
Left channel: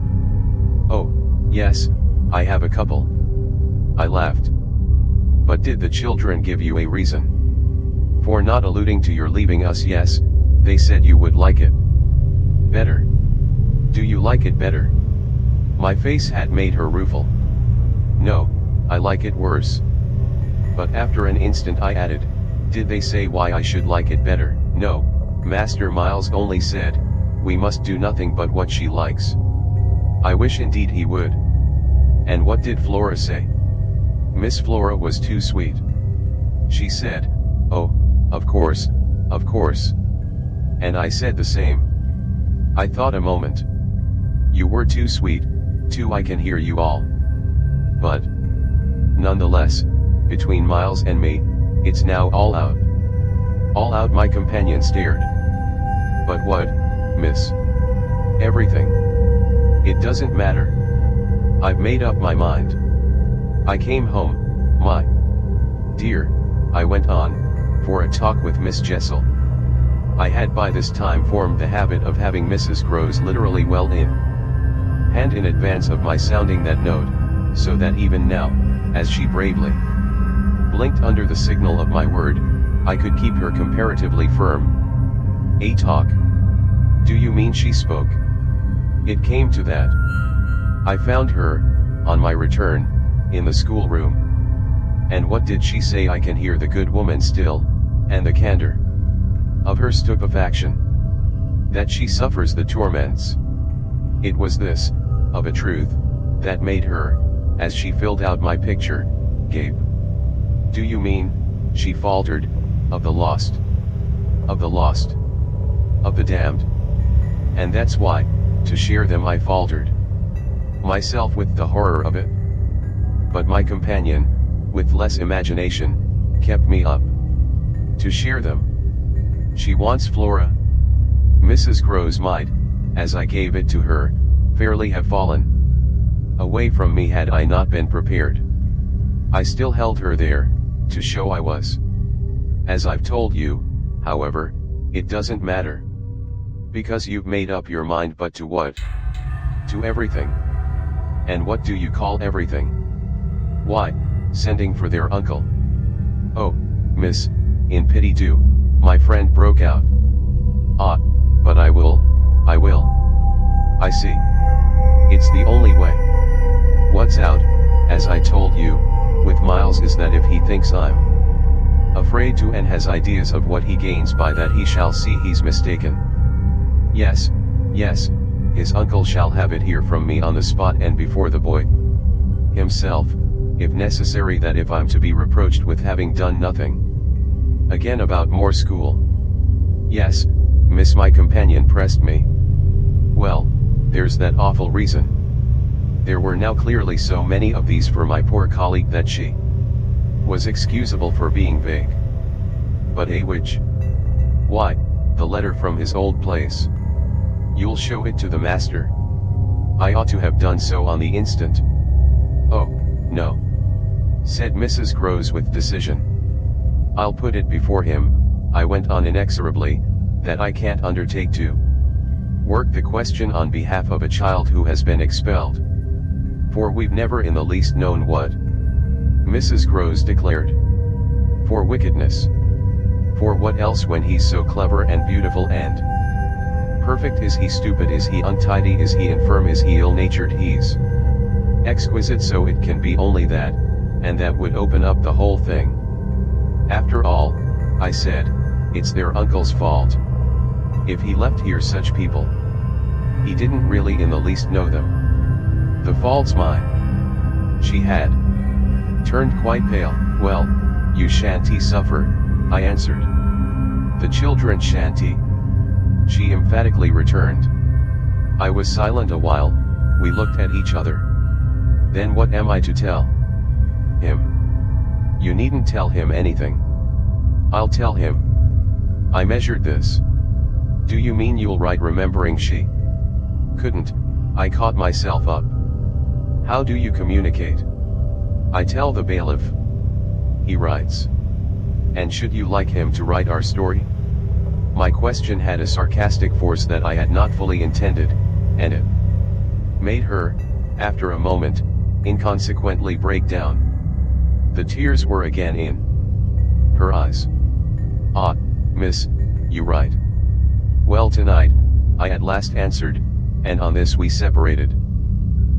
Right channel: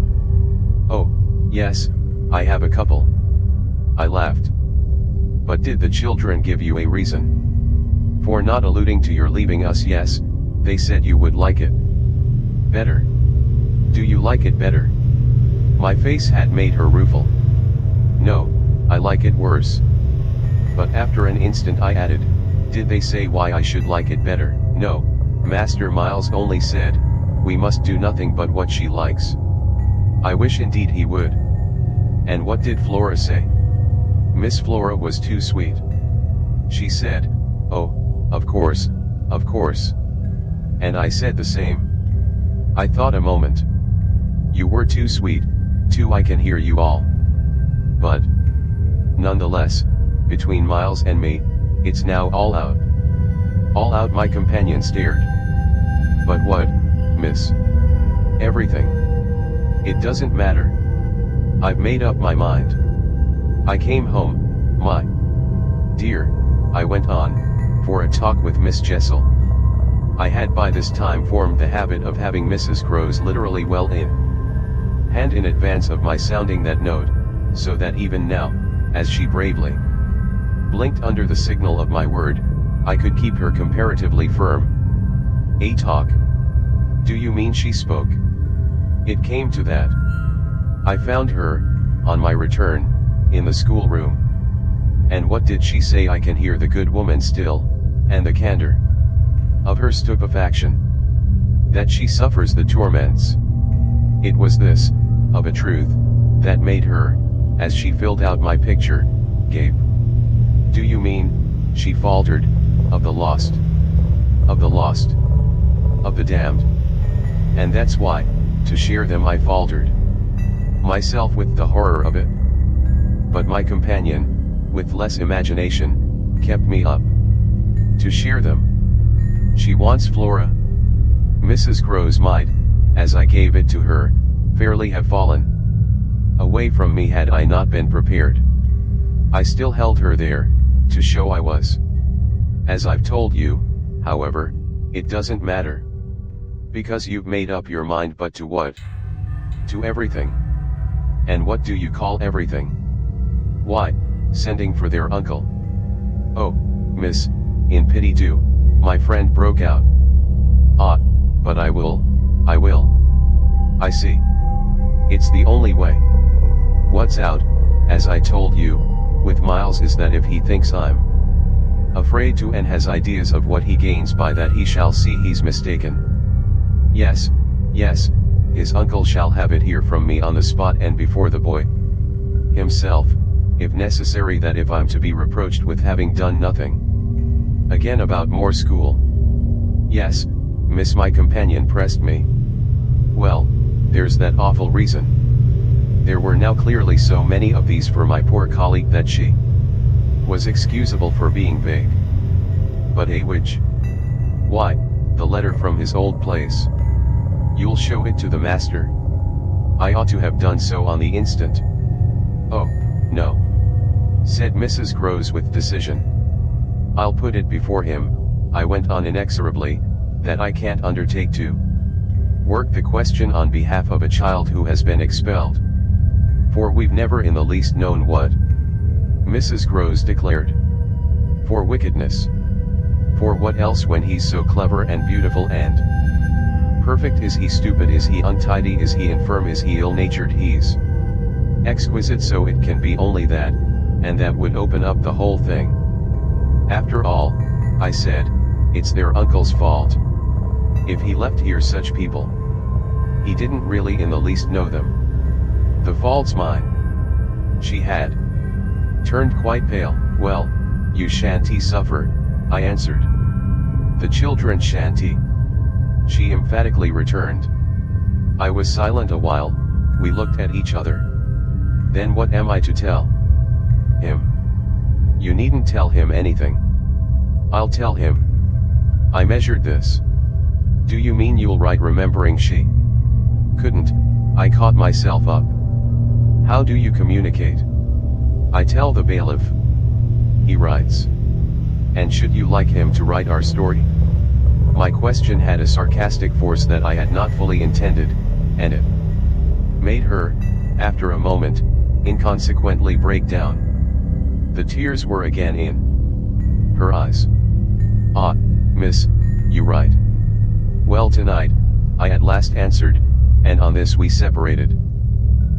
Oh, yes, I have a couple. I laughed. But did the children give you a reason for not alluding to your leaving us? Yes, they said you would like it better. Do you like it better? My face had made her rueful. No, I like it worse. But after an instant I added, did they say why I should like it better? No, Master Miles only said, we must do nothing but what she likes. I wish indeed he would. And what did Flora say? Miss Flora was too sweet. She said, oh, of course, of course. And I said the same. I thought a moment. You were too sweet, too. I can hear you all. But nonetheless, between Miles and me, it's now all out. All out, my companion stared. But what, miss? Everything. It doesn't matter. I've made up my mind. I came home, my dear, I went on, for a talk with Miss Jessel. I had by this time formed the habit of having Mrs. Grose literally well in hand in advance of my sounding that note, so that even now, as she bravely blinked under the signal of my word, I could keep her comparatively firm. A talk? Do you mean she spoke? It came to that. I found her, on my return, in the schoolroom. And what did she say? I can hear the good woman still, and the candor of her stupefaction. That she suffers the torments. It was this, of a truth, that made her, as she filled out my picture, gape. Do you mean, she faltered, of the lost? Of the lost? Of the damned? And that's why, to share them, I faltered myself with the horror of it. But my companion, with less imagination, kept me up. To share them. She wants Flora. Mrs. Grose might, as I gave it to her, fairly have fallen away from me had I not been prepared. I still held her there, to show I was. As I've told you, however, it doesn't matter. Because you've made up your mind. But to what? To everything. And what do you call everything? Why, sending for their uncle. Oh, miss, in pity do, my friend broke out. Ah, but I will. I see. It's the only way. What's out, as I told you, with Miles is that if he thinks I'm afraid to and has ideas of what he gains by that, he shall see he's mistaken. Yes, his uncle shall have it here from me on the spot and before the boy himself, if necessary, that if I'm to be reproached with having done nothing Again about more school. Yes, miss, my companion pressed me. Well, there's that awful reason. There were now clearly so many of these for my poor colleague that she was excusable for being vague. But which? Why, the letter from his old place. You'll show it to the master? I ought to have done so on the instant. Oh, no, said Mrs. Groves with decision. I'll put it before him, I went on inexorably, that I can't undertake to work the question on behalf of a child who has been expelled. For we've never in the least known what Mrs. Groves declared. For wickedness. For what else when he's so clever and beautiful and perfect? Is he stupid? Is he untidy? Is he infirm? Is he ill-natured? He's exquisite, so it can be only that, and that would open up the whole thing. After all, I said, it's their uncle's fault. If he left here such people, he didn't really in the least know them. The fault's mine. She had turned quite pale. Well, you shan't suffer, I answered. The children shan't. She emphatically returned. I was silent a while, we looked at each other. Then what am I to tell him? You needn't tell him anything. I'll tell him. I measured this. Do you mean you'll write? Remembering she couldn't, I caught myself up. How do you communicate? I tell the bailiff. He writes. And should you like him to write our story? My question had a sarcastic force that I had not fully intended, and it made her, after a moment, inconsequently break down. The tears were again in her eyes. Ah, miss, you write. Well, tonight, I at last answered, and on this we separated.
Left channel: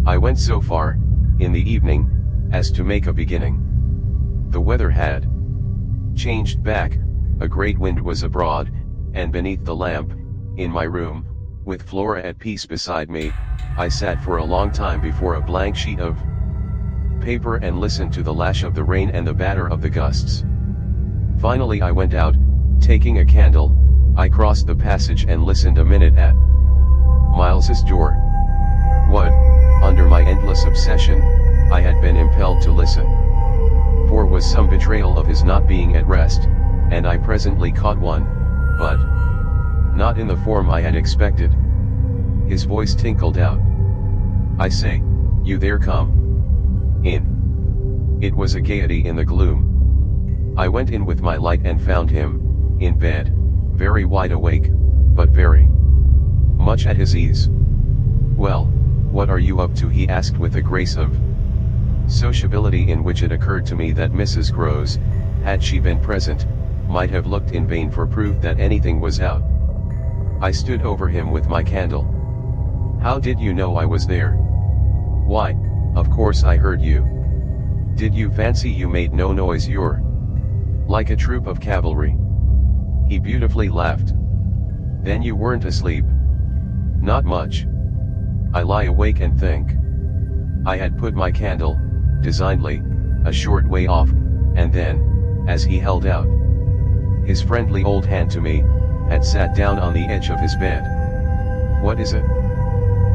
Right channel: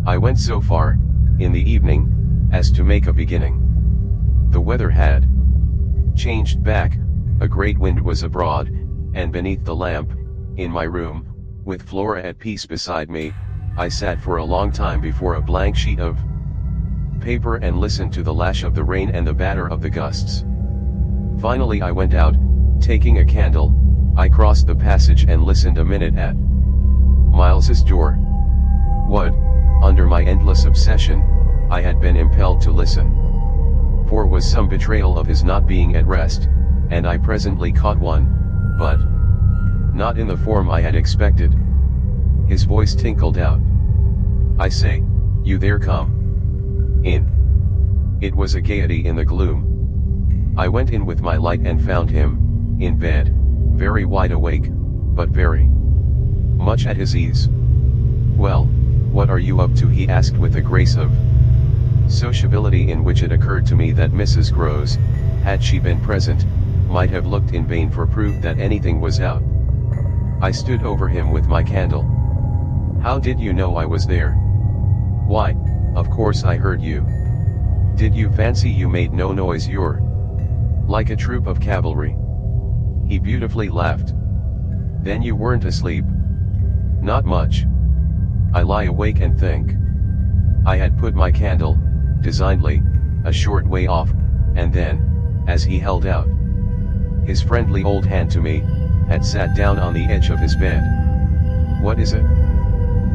I went so far, in the evening, as to make a beginning. The weather had changed back, a great wind was abroad, and beneath the lamp, in my room, with Flora at peace beside me, I sat for a long time before a blank sheet of paper and listened to the lash of the rain and the batter of the gusts. Finally I went out, taking a candle, I crossed the passage and listened a minute at Miles's door. What, under my endless obsession, I had been impelled to listen for was some betrayal of his not being at rest, and I presently caught one, but not in the form I had expected. His voice tinkled out. I say, you there, come in. It was a gaiety in the gloom. I went in with my light and found him, in bed, very wide awake, but very much at his ease. Well, what are you up to? He asked with a grace of sociability in which it occurred to me that Mrs. Groves, had she been present, might have looked in vain for proof that anything was out. I stood over him with my candle. How did you know I was there? Why, of course I heard you. Did you fancy you made no noise? You're like a troop of cavalry. He beautifully laughed. Then you weren't asleep? Not much. I lie awake and think. I had put my candle, designedly, a short way off, and then, as he held out his friendly old hand to me, had sat down on the edge of his bed. What is it?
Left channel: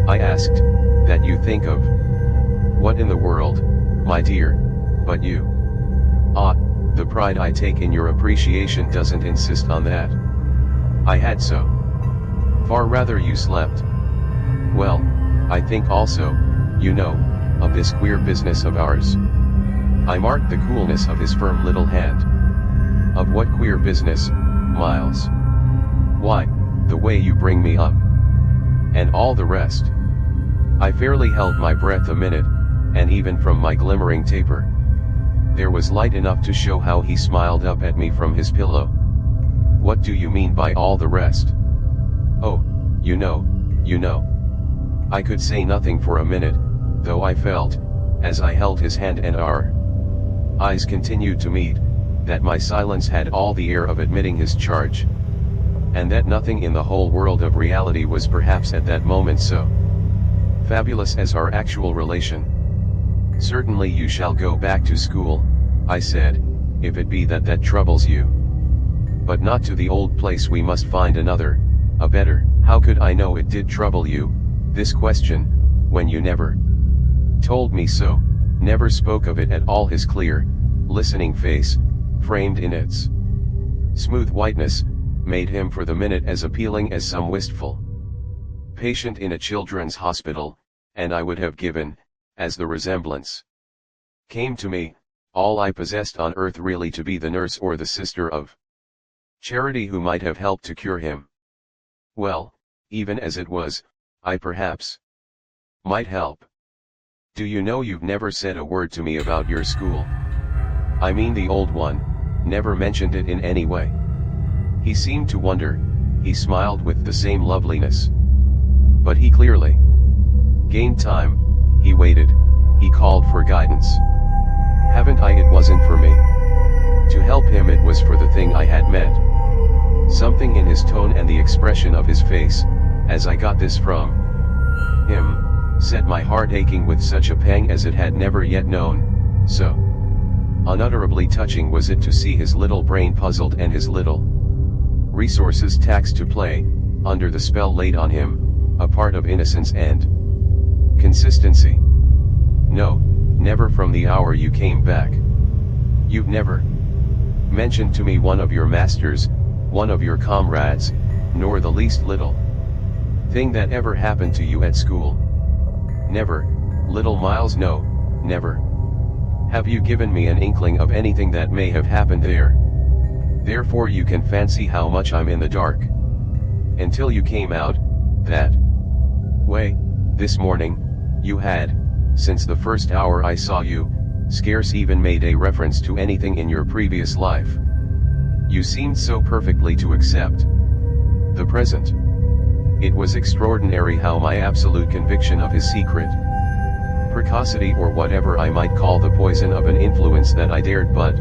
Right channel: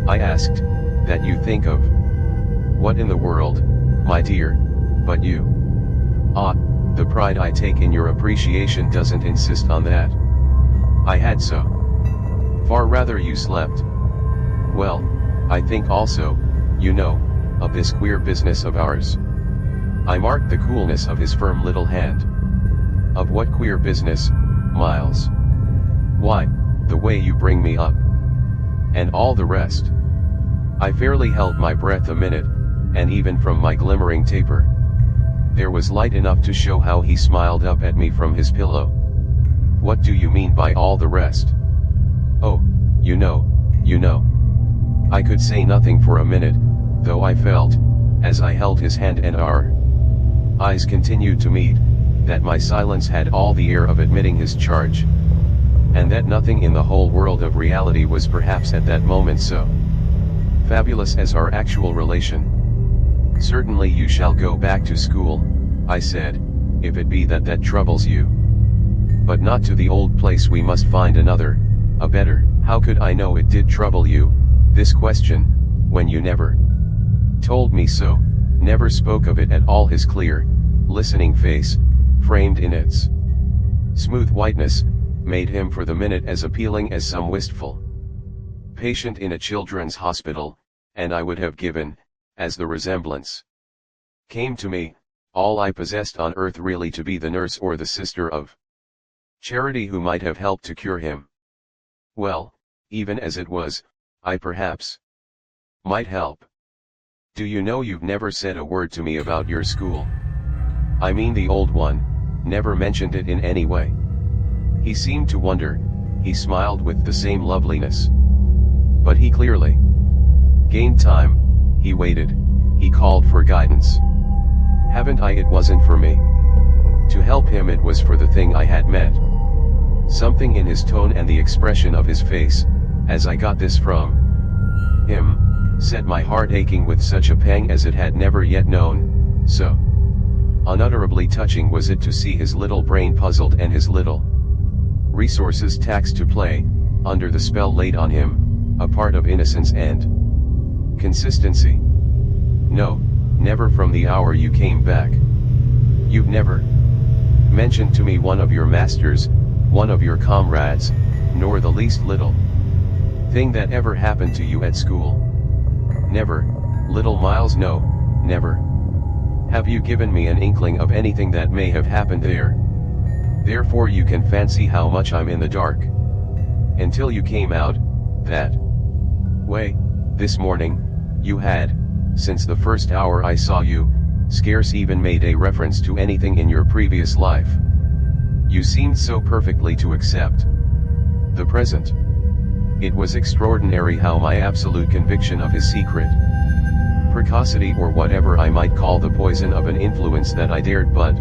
I asked, that you think of? What in the world, my dear, but you? Ah, the pride I take in your appreciation doesn't insist on that. I had so far rather you slept. Well, I think also, you know, of this queer business of ours. I marked the coolness of his firm little hand. Of what queer business, Miles? Why, the way you bring me up. And all the rest. I fairly held my breath a minute, and even from my glimmering taper, there was light enough to show how he smiled up at me from his pillow. What do you mean by all the rest? Oh, you know. I could say nothing for a minute, though I felt, as I held his hand and our eyes continued to meet, that my silence had all the air of admitting his charge. And that nothing in the whole world of reality was perhaps at that moment so fabulous as our actual relation. Certainly you shall go back to school, I said, if it be that troubles you. But not to the old place, we must find another, a better. How could I know it did trouble you, this question, when you never told me so, never spoke of it at all? His clear, listening face, framed in its smooth whiteness, made him for the minute as appealing as some wistful patient in a children's hospital, and I would have given, as the resemblance came to me, all I possessed on earth really to be the nurse or the sister of charity who might have helped to cure him. Well, even as it was, I perhaps might help. Do you know, you've never said a word to me about your school? I mean the old one, never mentioned it in any way. He seemed to wonder, he smiled with the same loveliness. But he clearly gained time, he waited, he called for guidance. Haven't I? It wasn't for me to help him, it was for the thing I had met. Something in his tone and the expression of his face, as I got this from him, set my heart aching with such a pang as it had never yet known. So unutterably touching was it to see his little brain puzzled and his little resources taxed to play, under the spell laid on him, a part of innocence and consistency. No, never from the hour you came back. You've never mentioned to me one of your masters, one of your comrades, nor the least little thing that ever happened to you at school. Never, little Miles, no, never. Have you given me an inkling of anything that may have happened there? Therefore you can fancy how much I'm in the dark. Until you came out, that way, this morning, you had, since the first hour I saw you, scarce even made a reference to anything in your previous life. You seemed so perfectly to accept the present. It was extraordinary how my absolute conviction of his secret precocity, or whatever I might call the poison of an influence that I dared but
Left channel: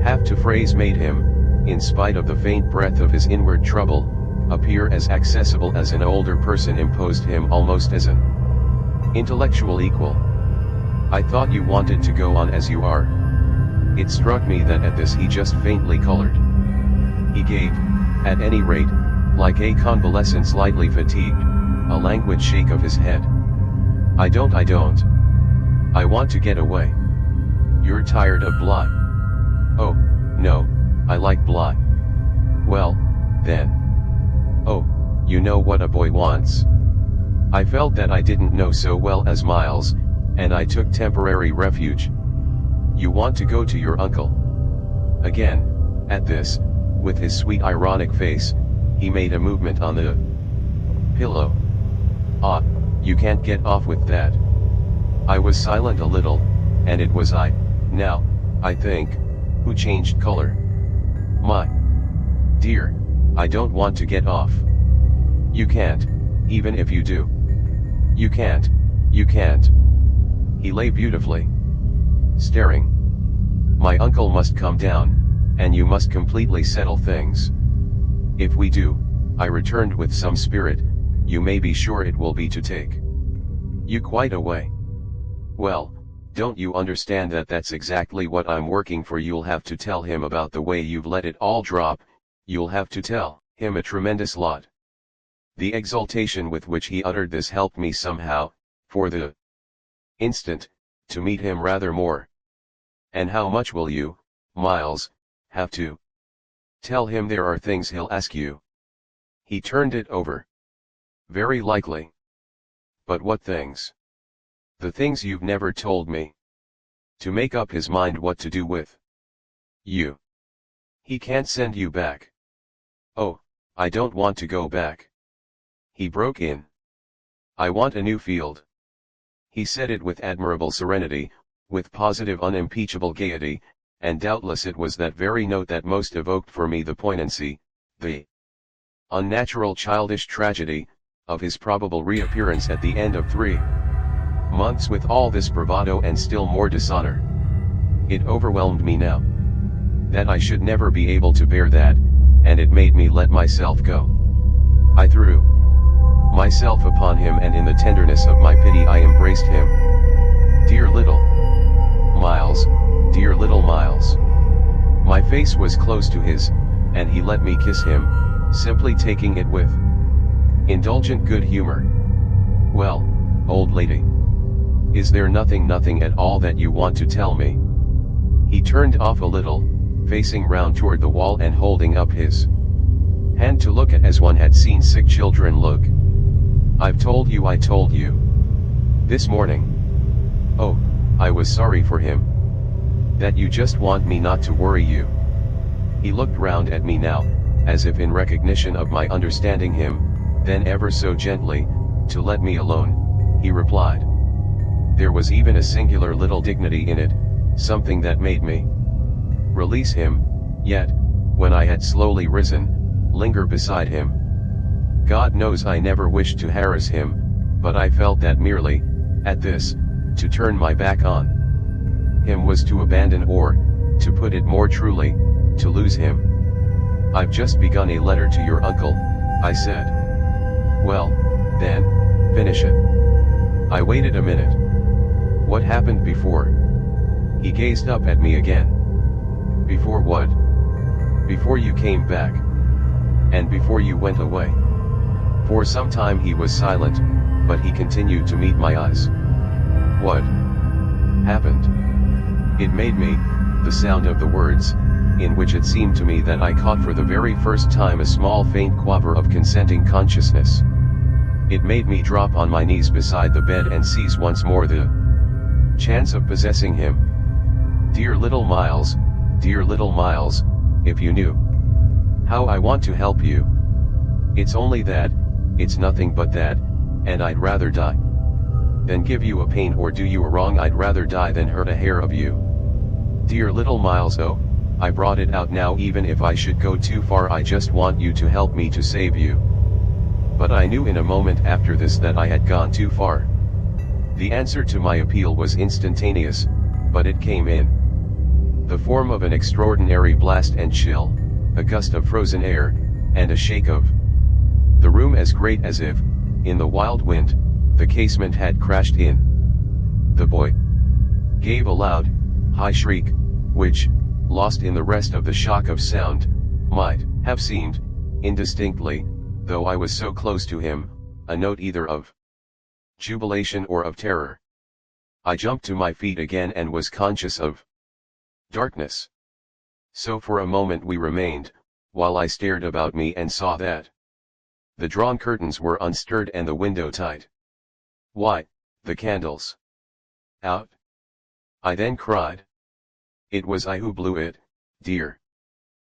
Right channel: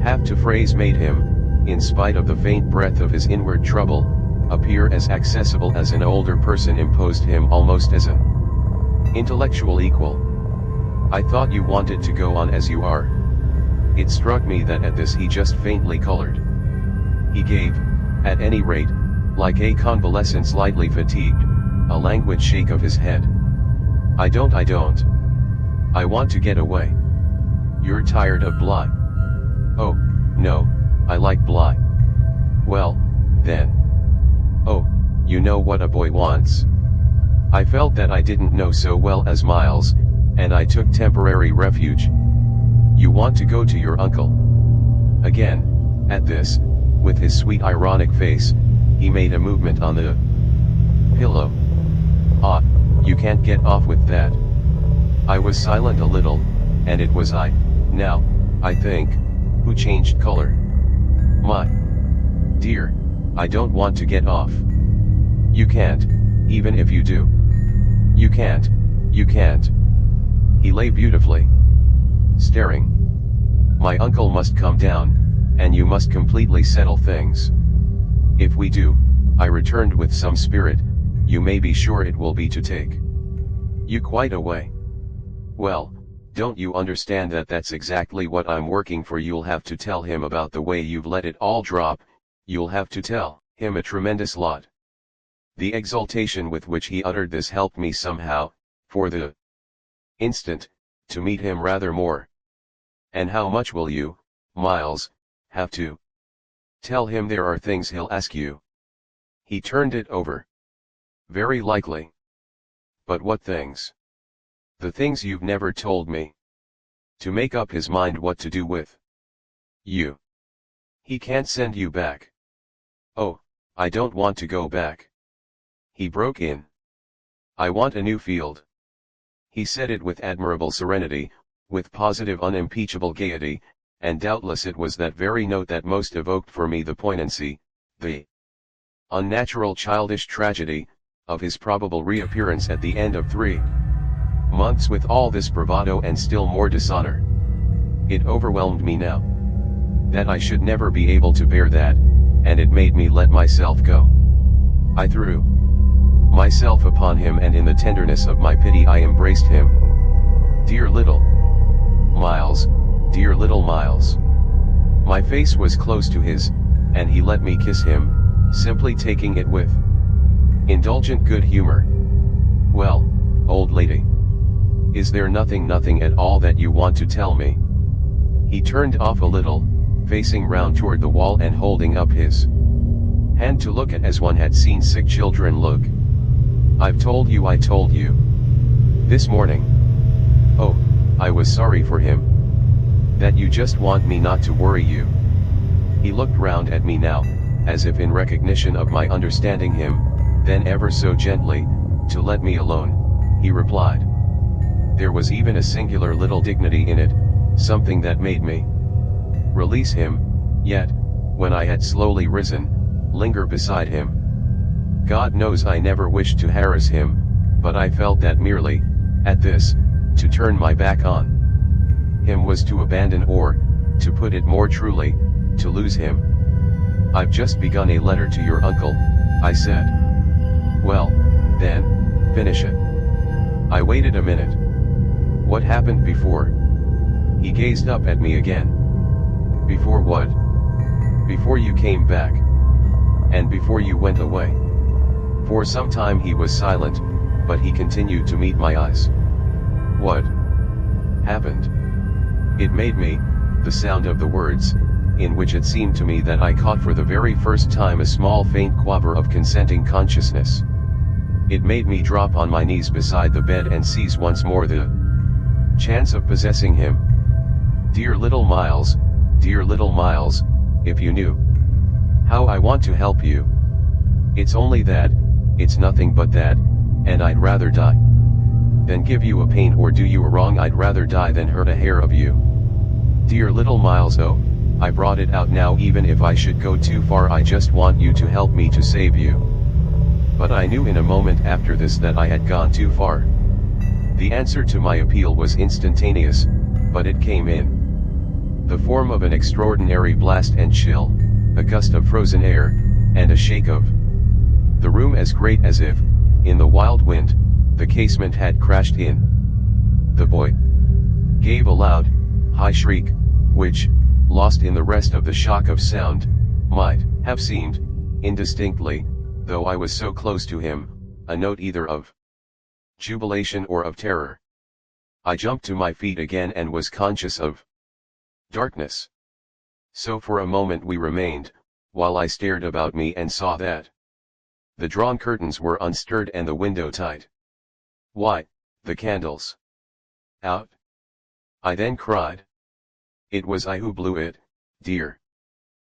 have to phrase, made him, in spite of the faint breath of his inward trouble, appear as accessible as an older person, imposed him almost as an intellectual equal. I thought you wanted to go on as you are. It struck me that at this he just faintly colored. He gave, at any rate, like a convalescent slightly fatigued, a languid shake of his head. I don't. I want to get away. You're tired of Bly? Oh, no, I like Bly. Well, then. Oh, you know what a boy wants. I felt that I didn't know so well as Miles, and I took temporary refuge. You want to go to your uncle? Again, at this, with his sweet ironic face, he made a movement on the pillow. Ah, you can't get off with that. I was silent a little, and it was I, now, I think, who changed color. My dear, I don't want to get off. You can't, even if you do. You can't. He lay beautifully staring. My uncle must come down, and you must completely settle things. If we do, I returned with some spirit, you may be sure it will be to take you quite away. Well, don't you understand that that's exactly what I'm working for? You'll have to tell him about the way you've let it all drop, you'll have to tell him a tremendous lot. The exultation with which he uttered this helped me somehow, for the instant, to meet him rather more. And how much will you, Miles, have to tell him? There are things he'll ask you. He turned it over. Very likely. But what things? The things you've never told me. To make up his mind what to do with you. He can't send you back. Oh, I don't want to go back. He broke in. I want a new field. He said it with admirable serenity, with positive unimpeachable gaiety, and doubtless it was that very note that most evoked for me the poignancy, the unnatural childish tragedy, of his probable reappearance at the end of 3 months with all this bravado and still more dishonor. It overwhelmed me now, that I should never be able to bear that, and it made me let myself go. I threw myself upon him, and in the tenderness of my pity I embraced him. Dear little Miles, dear little Miles. My face was close to his, and he let me kiss him, simply taking it with indulgent good humor. "Well, old lady. Is there nothing at all that you want to tell me?" He turned off a little, facing round toward the wall and holding up his hand to look at as one had seen sick children look. I told you. This morning. Oh, I was sorry for him. That you just want me not to worry you." He looked round at me now, as if in recognition of my understanding him, then ever so gently, to let me alone, he replied. There was even a singular little dignity in it, something that made me release him, yet, when I had slowly risen, linger beside him. God knows I never wished to harass him, but I felt that merely, at this, to turn my back on him was to abandon or, to put it more truly, to lose him. "I've just begun a letter to your uncle," I said. "Well, then, finish it." I waited a minute. "What happened before?" He gazed up at me again. "Before what?" "Before you came back. And before you went away." For some time he was silent, but he continued to meet my eyes. "What happened?" It made me, the sound of the words, in which it seemed to me that I caught for the very first time a small faint quaver of consenting consciousness. It made me drop on my knees beside the bed and seize once more the chance of possessing him. Dear little Miles, if you knew how I want to help you. It's only that, it's nothing but that, and I'd rather die than give you a pain or do you a wrong. I'd rather die than hurt a hair of you. Dear little Miles, oh, I brought it out now. Even if I should go too far, I just want you to help me to save you. But I knew in a moment after this that I had gone too far. The answer to my appeal was instantaneous, but it came in the form of an extraordinary blast and chill, a gust of frozen air, and a shake of the room as great as if, in the wild wind, the casement had crashed in. The boy gave a loud, high shriek, which, lost in the rest of the shock of sound, might have seemed, indistinctly, though I was so close to him, a note either of jubilation or of terror. I jumped to my feet again and was conscious of darkness. So for a moment we remained, while I stared about me and saw that the drawn curtains were unstirred and the window tight. "Why, the candles out!" I then cried. "It was I who blew it, dear,"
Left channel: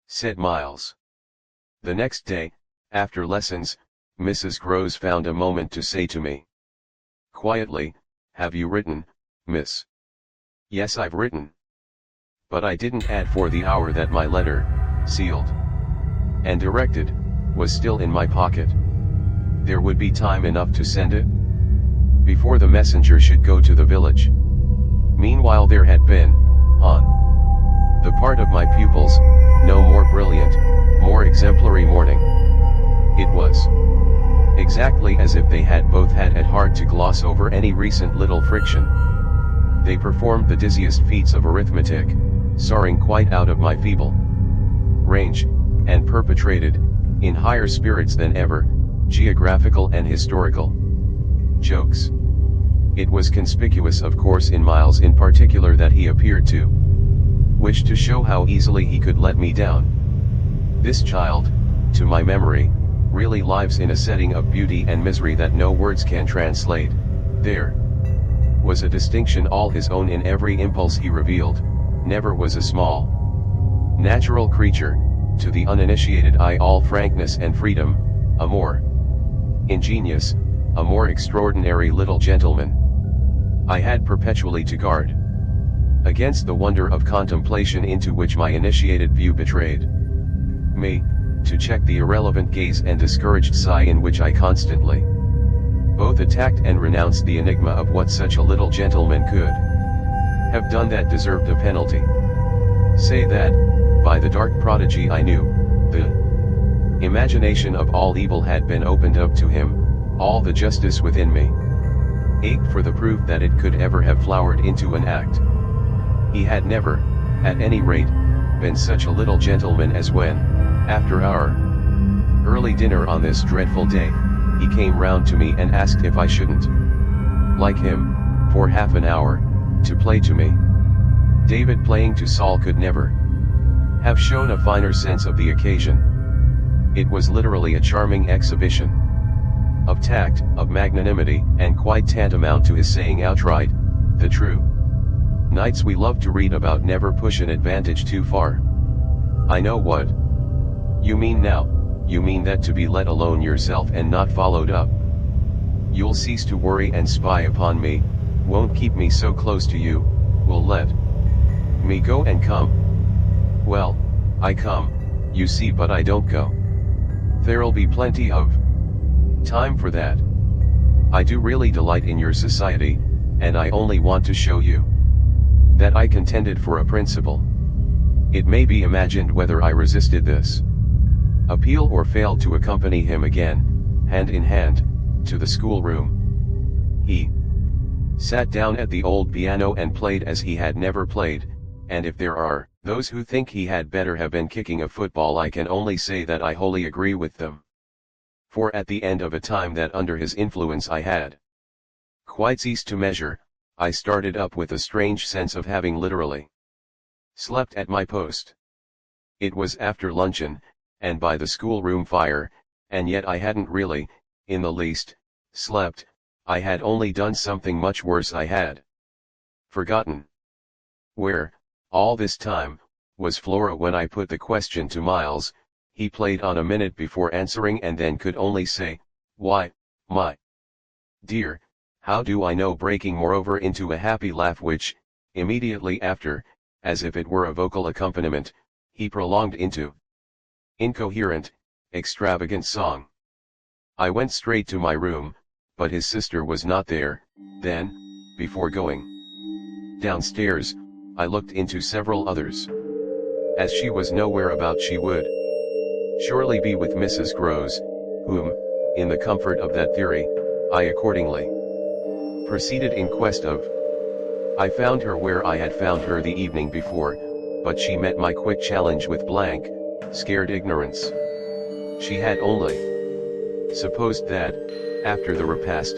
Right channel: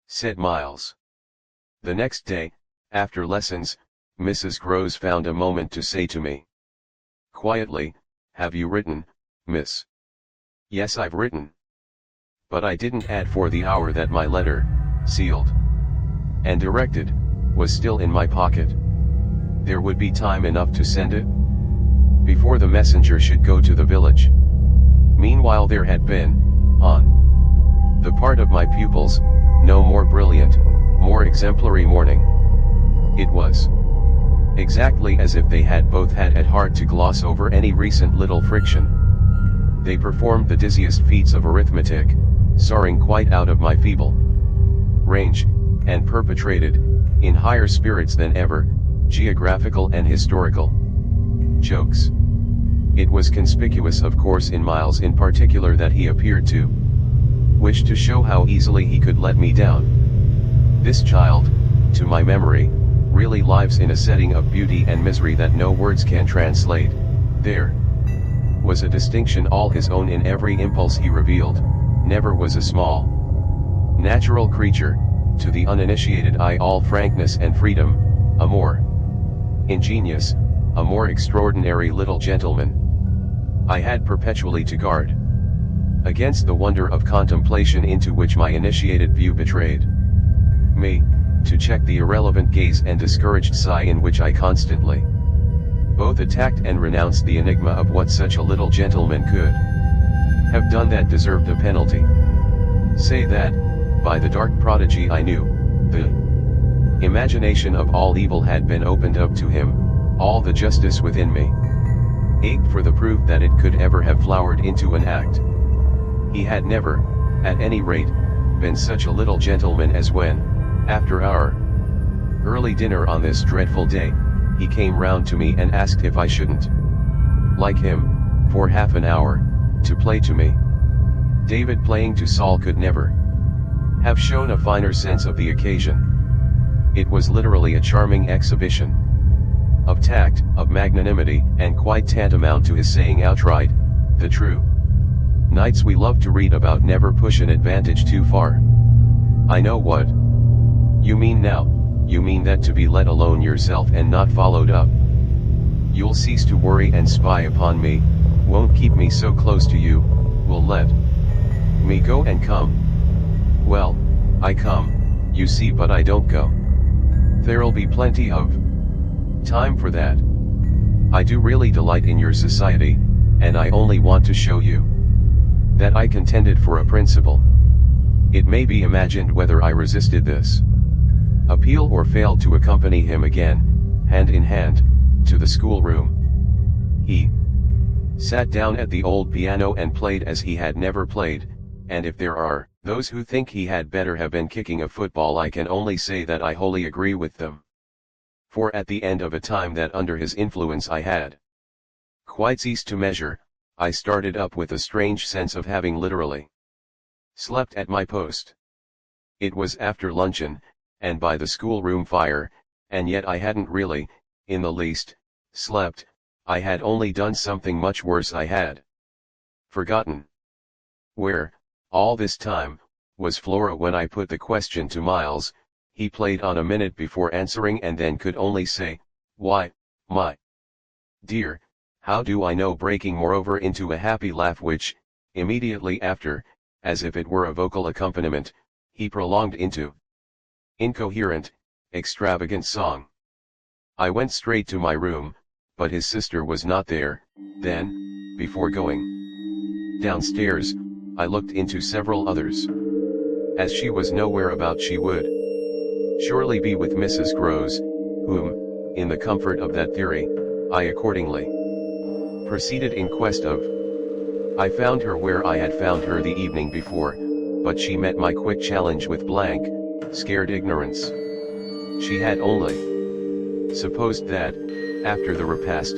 said Miles. The next day, after lessons, Mrs. Groves found a moment to say to me quietly, "Have you written, miss?" "Yes, I've written. But I didn't add for the hour that my letter, sealed and directed, was still in my pocket. There would be time enough to send it before the messenger should go to the village." Meanwhile there had been, on the part of my pupils, no more brilliant, more exemplary morning. It was exactly as if they had both had at heart to gloss over any recent little friction. They performed the dizziest feats of arithmetic, soaring quite out of my feeble range, and perpetrated, in higher spirits than ever, geographical and historical jokes. It was conspicuous, of course, in Miles in particular, that he appeared to wish to show how easily he could let me down. This child, to my memory, really lives in a setting of beauty and misery that no words can translate. There was a distinction all his own in every impulse he revealed. Never was a small, natural creature, to the uninitiated eye all frankness and freedom, a more ingenious, a more extraordinary little gentleman. I had perpetually to guard against the wonder of contemplation into which my initiated view betrayed me, to check the irrelevant gaze and discouraged sigh in which I constantly both attacked and renounced the enigma of what such a little gentleman could have done that deserved a penalty. Say that, by the dark prodigy I knew, the imagination of all evil had been opened up to him, all the justice within me ached for the proof that it could ever have flowered into an act. He had never, at any rate, been such a little gentleman as when, After our early dinner on this dreadful day, he came round to me and asked if I shouldn't like him, for half an hour, to play to me. David playing to Saul could never have shown a finer sense of the occasion. It was literally a charming exhibition of tact, of magnanimity, and quite tantamount to his saying outright, "The true knights we love to read about never push an advantage too far." I know what you mean now. You mean that to be let alone yourself and not followed up, you'll cease to worry and spy upon me, won't keep me so close to you, will let me go and come. Well, I come, you see, but I don't go. There'll be plenty of time for that. I do really delight in your society, and I only want to show you that I contended for a principle. It may be imagined whether I resisted this appeal or failed to accompany him again, hand in hand, to the schoolroom. He sat down at the old piano and played as he had never played, and if there are those who think he had better have been kicking a football, I can only say that I wholly agree with them. For at the end of a time that under his influence I had quite ceased to measure, I started up with a strange sense of having literally slept at my post. It was after luncheon, and by the schoolroom fire, and yet I hadn't really, in the least, slept. I had only done something much worse. I had forgotten where, all this time, was Flora when I put the question to Miles. He played on a minute before answering and then could only say, "Why, my dear, how do I know?" breaking moreover into a happy laugh which, immediately after, as if it were a vocal accompaniment, he prolonged into incoherent, extravagant song. I went straight to my room, but his sister was not there. Then, before going downstairs, I looked into several others. As she was nowhere about, she would surely be with Mrs. Groves, whom, in the comfort of that theory, I accordingly proceeded in quest of. I found her where I had found her the evening before, but she met my quick challenge with blank, scared ignorance. She had only supposed that, after the repast,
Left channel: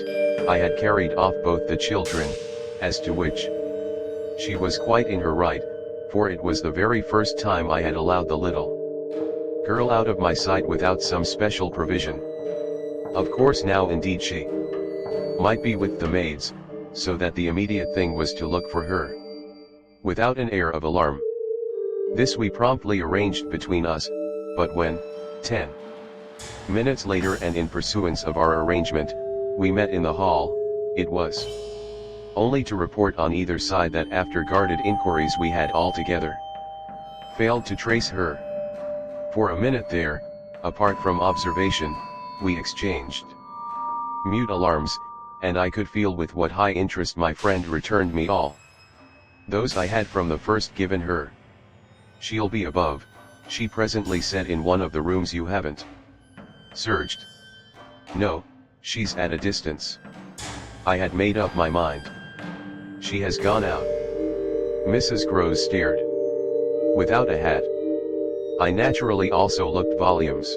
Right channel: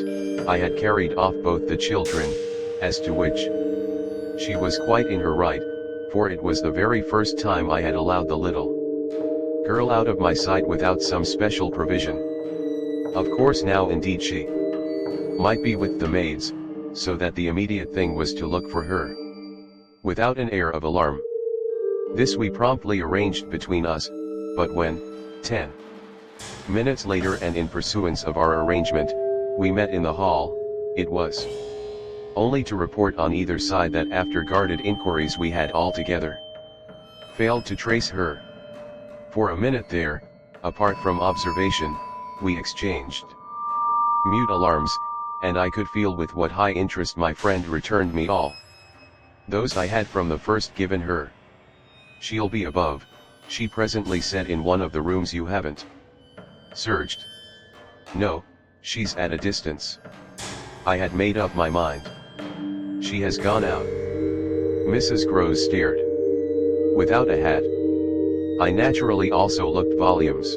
I had carried off both the children, as to which she was quite in her right, for it was the very first time I had allowed the little girl out of my sight without some special provision. Of course now indeed she might be with the maids, so that the immediate thing was to look for her without an air of alarm. This we promptly arranged between us, but when, 10 minutes later and in pursuance of our arrangement, we met in the hall, it was only to report on either side that after guarded inquiries we had altogether failed to trace her. For a minute there, apart from observation, we exchanged mute alarms, and I could feel with what high interest my friend returned me all those I had from the first given her. "She'll be above," she presently said, "in one of the rooms you haven't searched." "No, she's at a distance. I had made up my mind. She has gone out." Mrs. Groves stared. "Without a hat?" I naturally also looked volumes.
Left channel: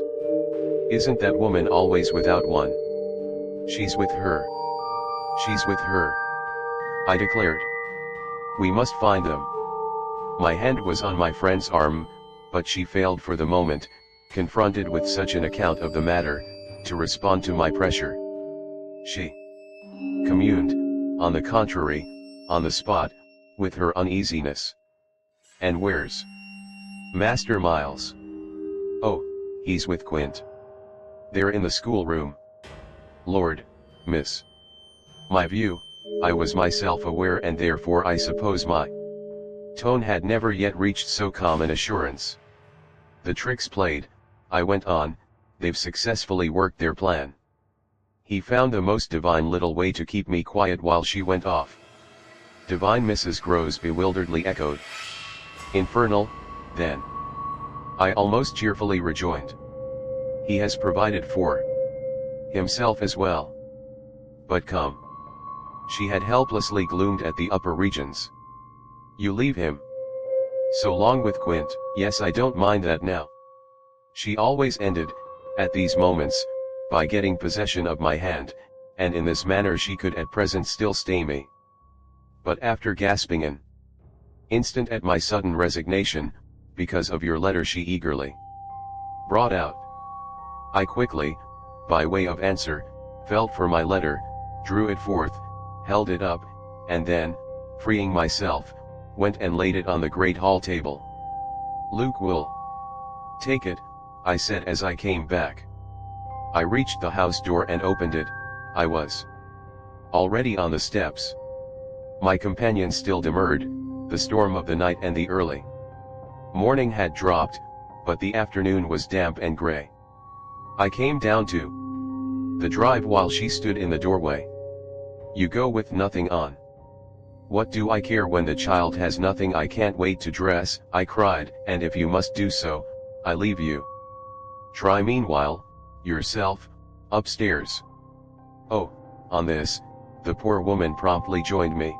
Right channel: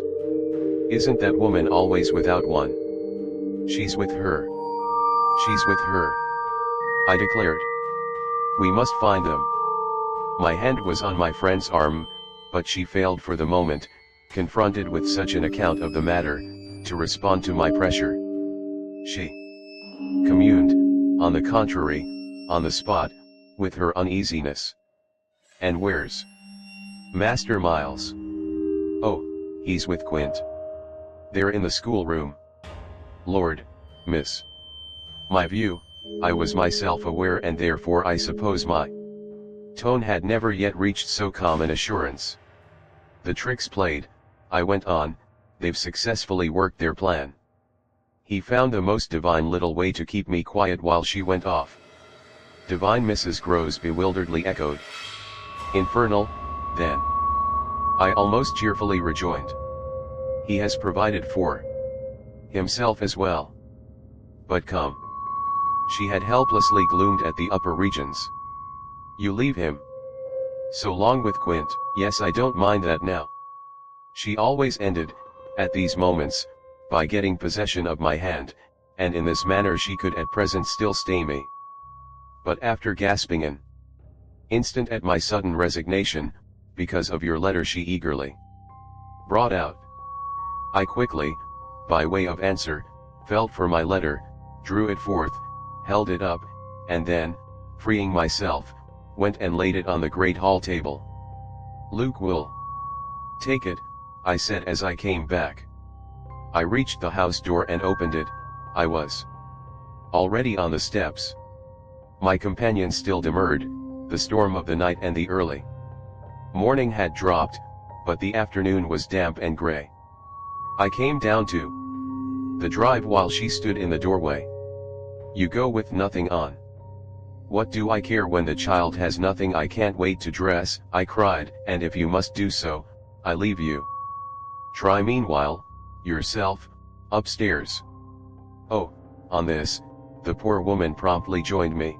"Isn't that woman always without one?" "She's with her. She's with her," I declared. "We must find them." My hand was on my friend's arm, but she failed for the moment, confronted with such an account of the matter, to respond to my pressure. She communed, on the contrary, on the spot, with her uneasiness. "And where's Master Miles?" "Oh, he's with Quint. They're in the schoolroom." "Lord, miss." My view, I was myself aware, and therefore I suppose my tone had never yet reached so calm an assurance. "The trick's played," I went on, "they've successfully worked their plan." He found the most divine little way to keep me quiet while she went off. "Divine?" Mrs. Groves bewilderedly echoed. "Infernal, then," I almost cheerfully rejoined. "He has provided for himself as well." "But come." She had helplessly gloomed at the upper regions. "You leave him so long with Quint." "Yes, I don't mind that now." She always ended, at these moments, by getting possession of my hand, and in this manner she could at present still stay me. But after gasping an instant at my sudden resignation, because of your letter she eagerly brought out. I quickly, by way of answer, felt for my letter, drew it forth, held it up, and then, freeing myself, went and laid it on the great hall table. Luke will take it, I said as I came back. I reached the house door and opened it. I was already on the steps. My companion still demurred. The storm of the night and the early morning had dropped, but the afternoon was damp and gray. I came down to the drive while she stood in the doorway. You go with nothing on. What do I care when the child has nothing? I can't wait to dress, I cried, and if you must do so, I leave you. Try meanwhile, yourself, upstairs. Oh, on this, the poor woman promptly joined me.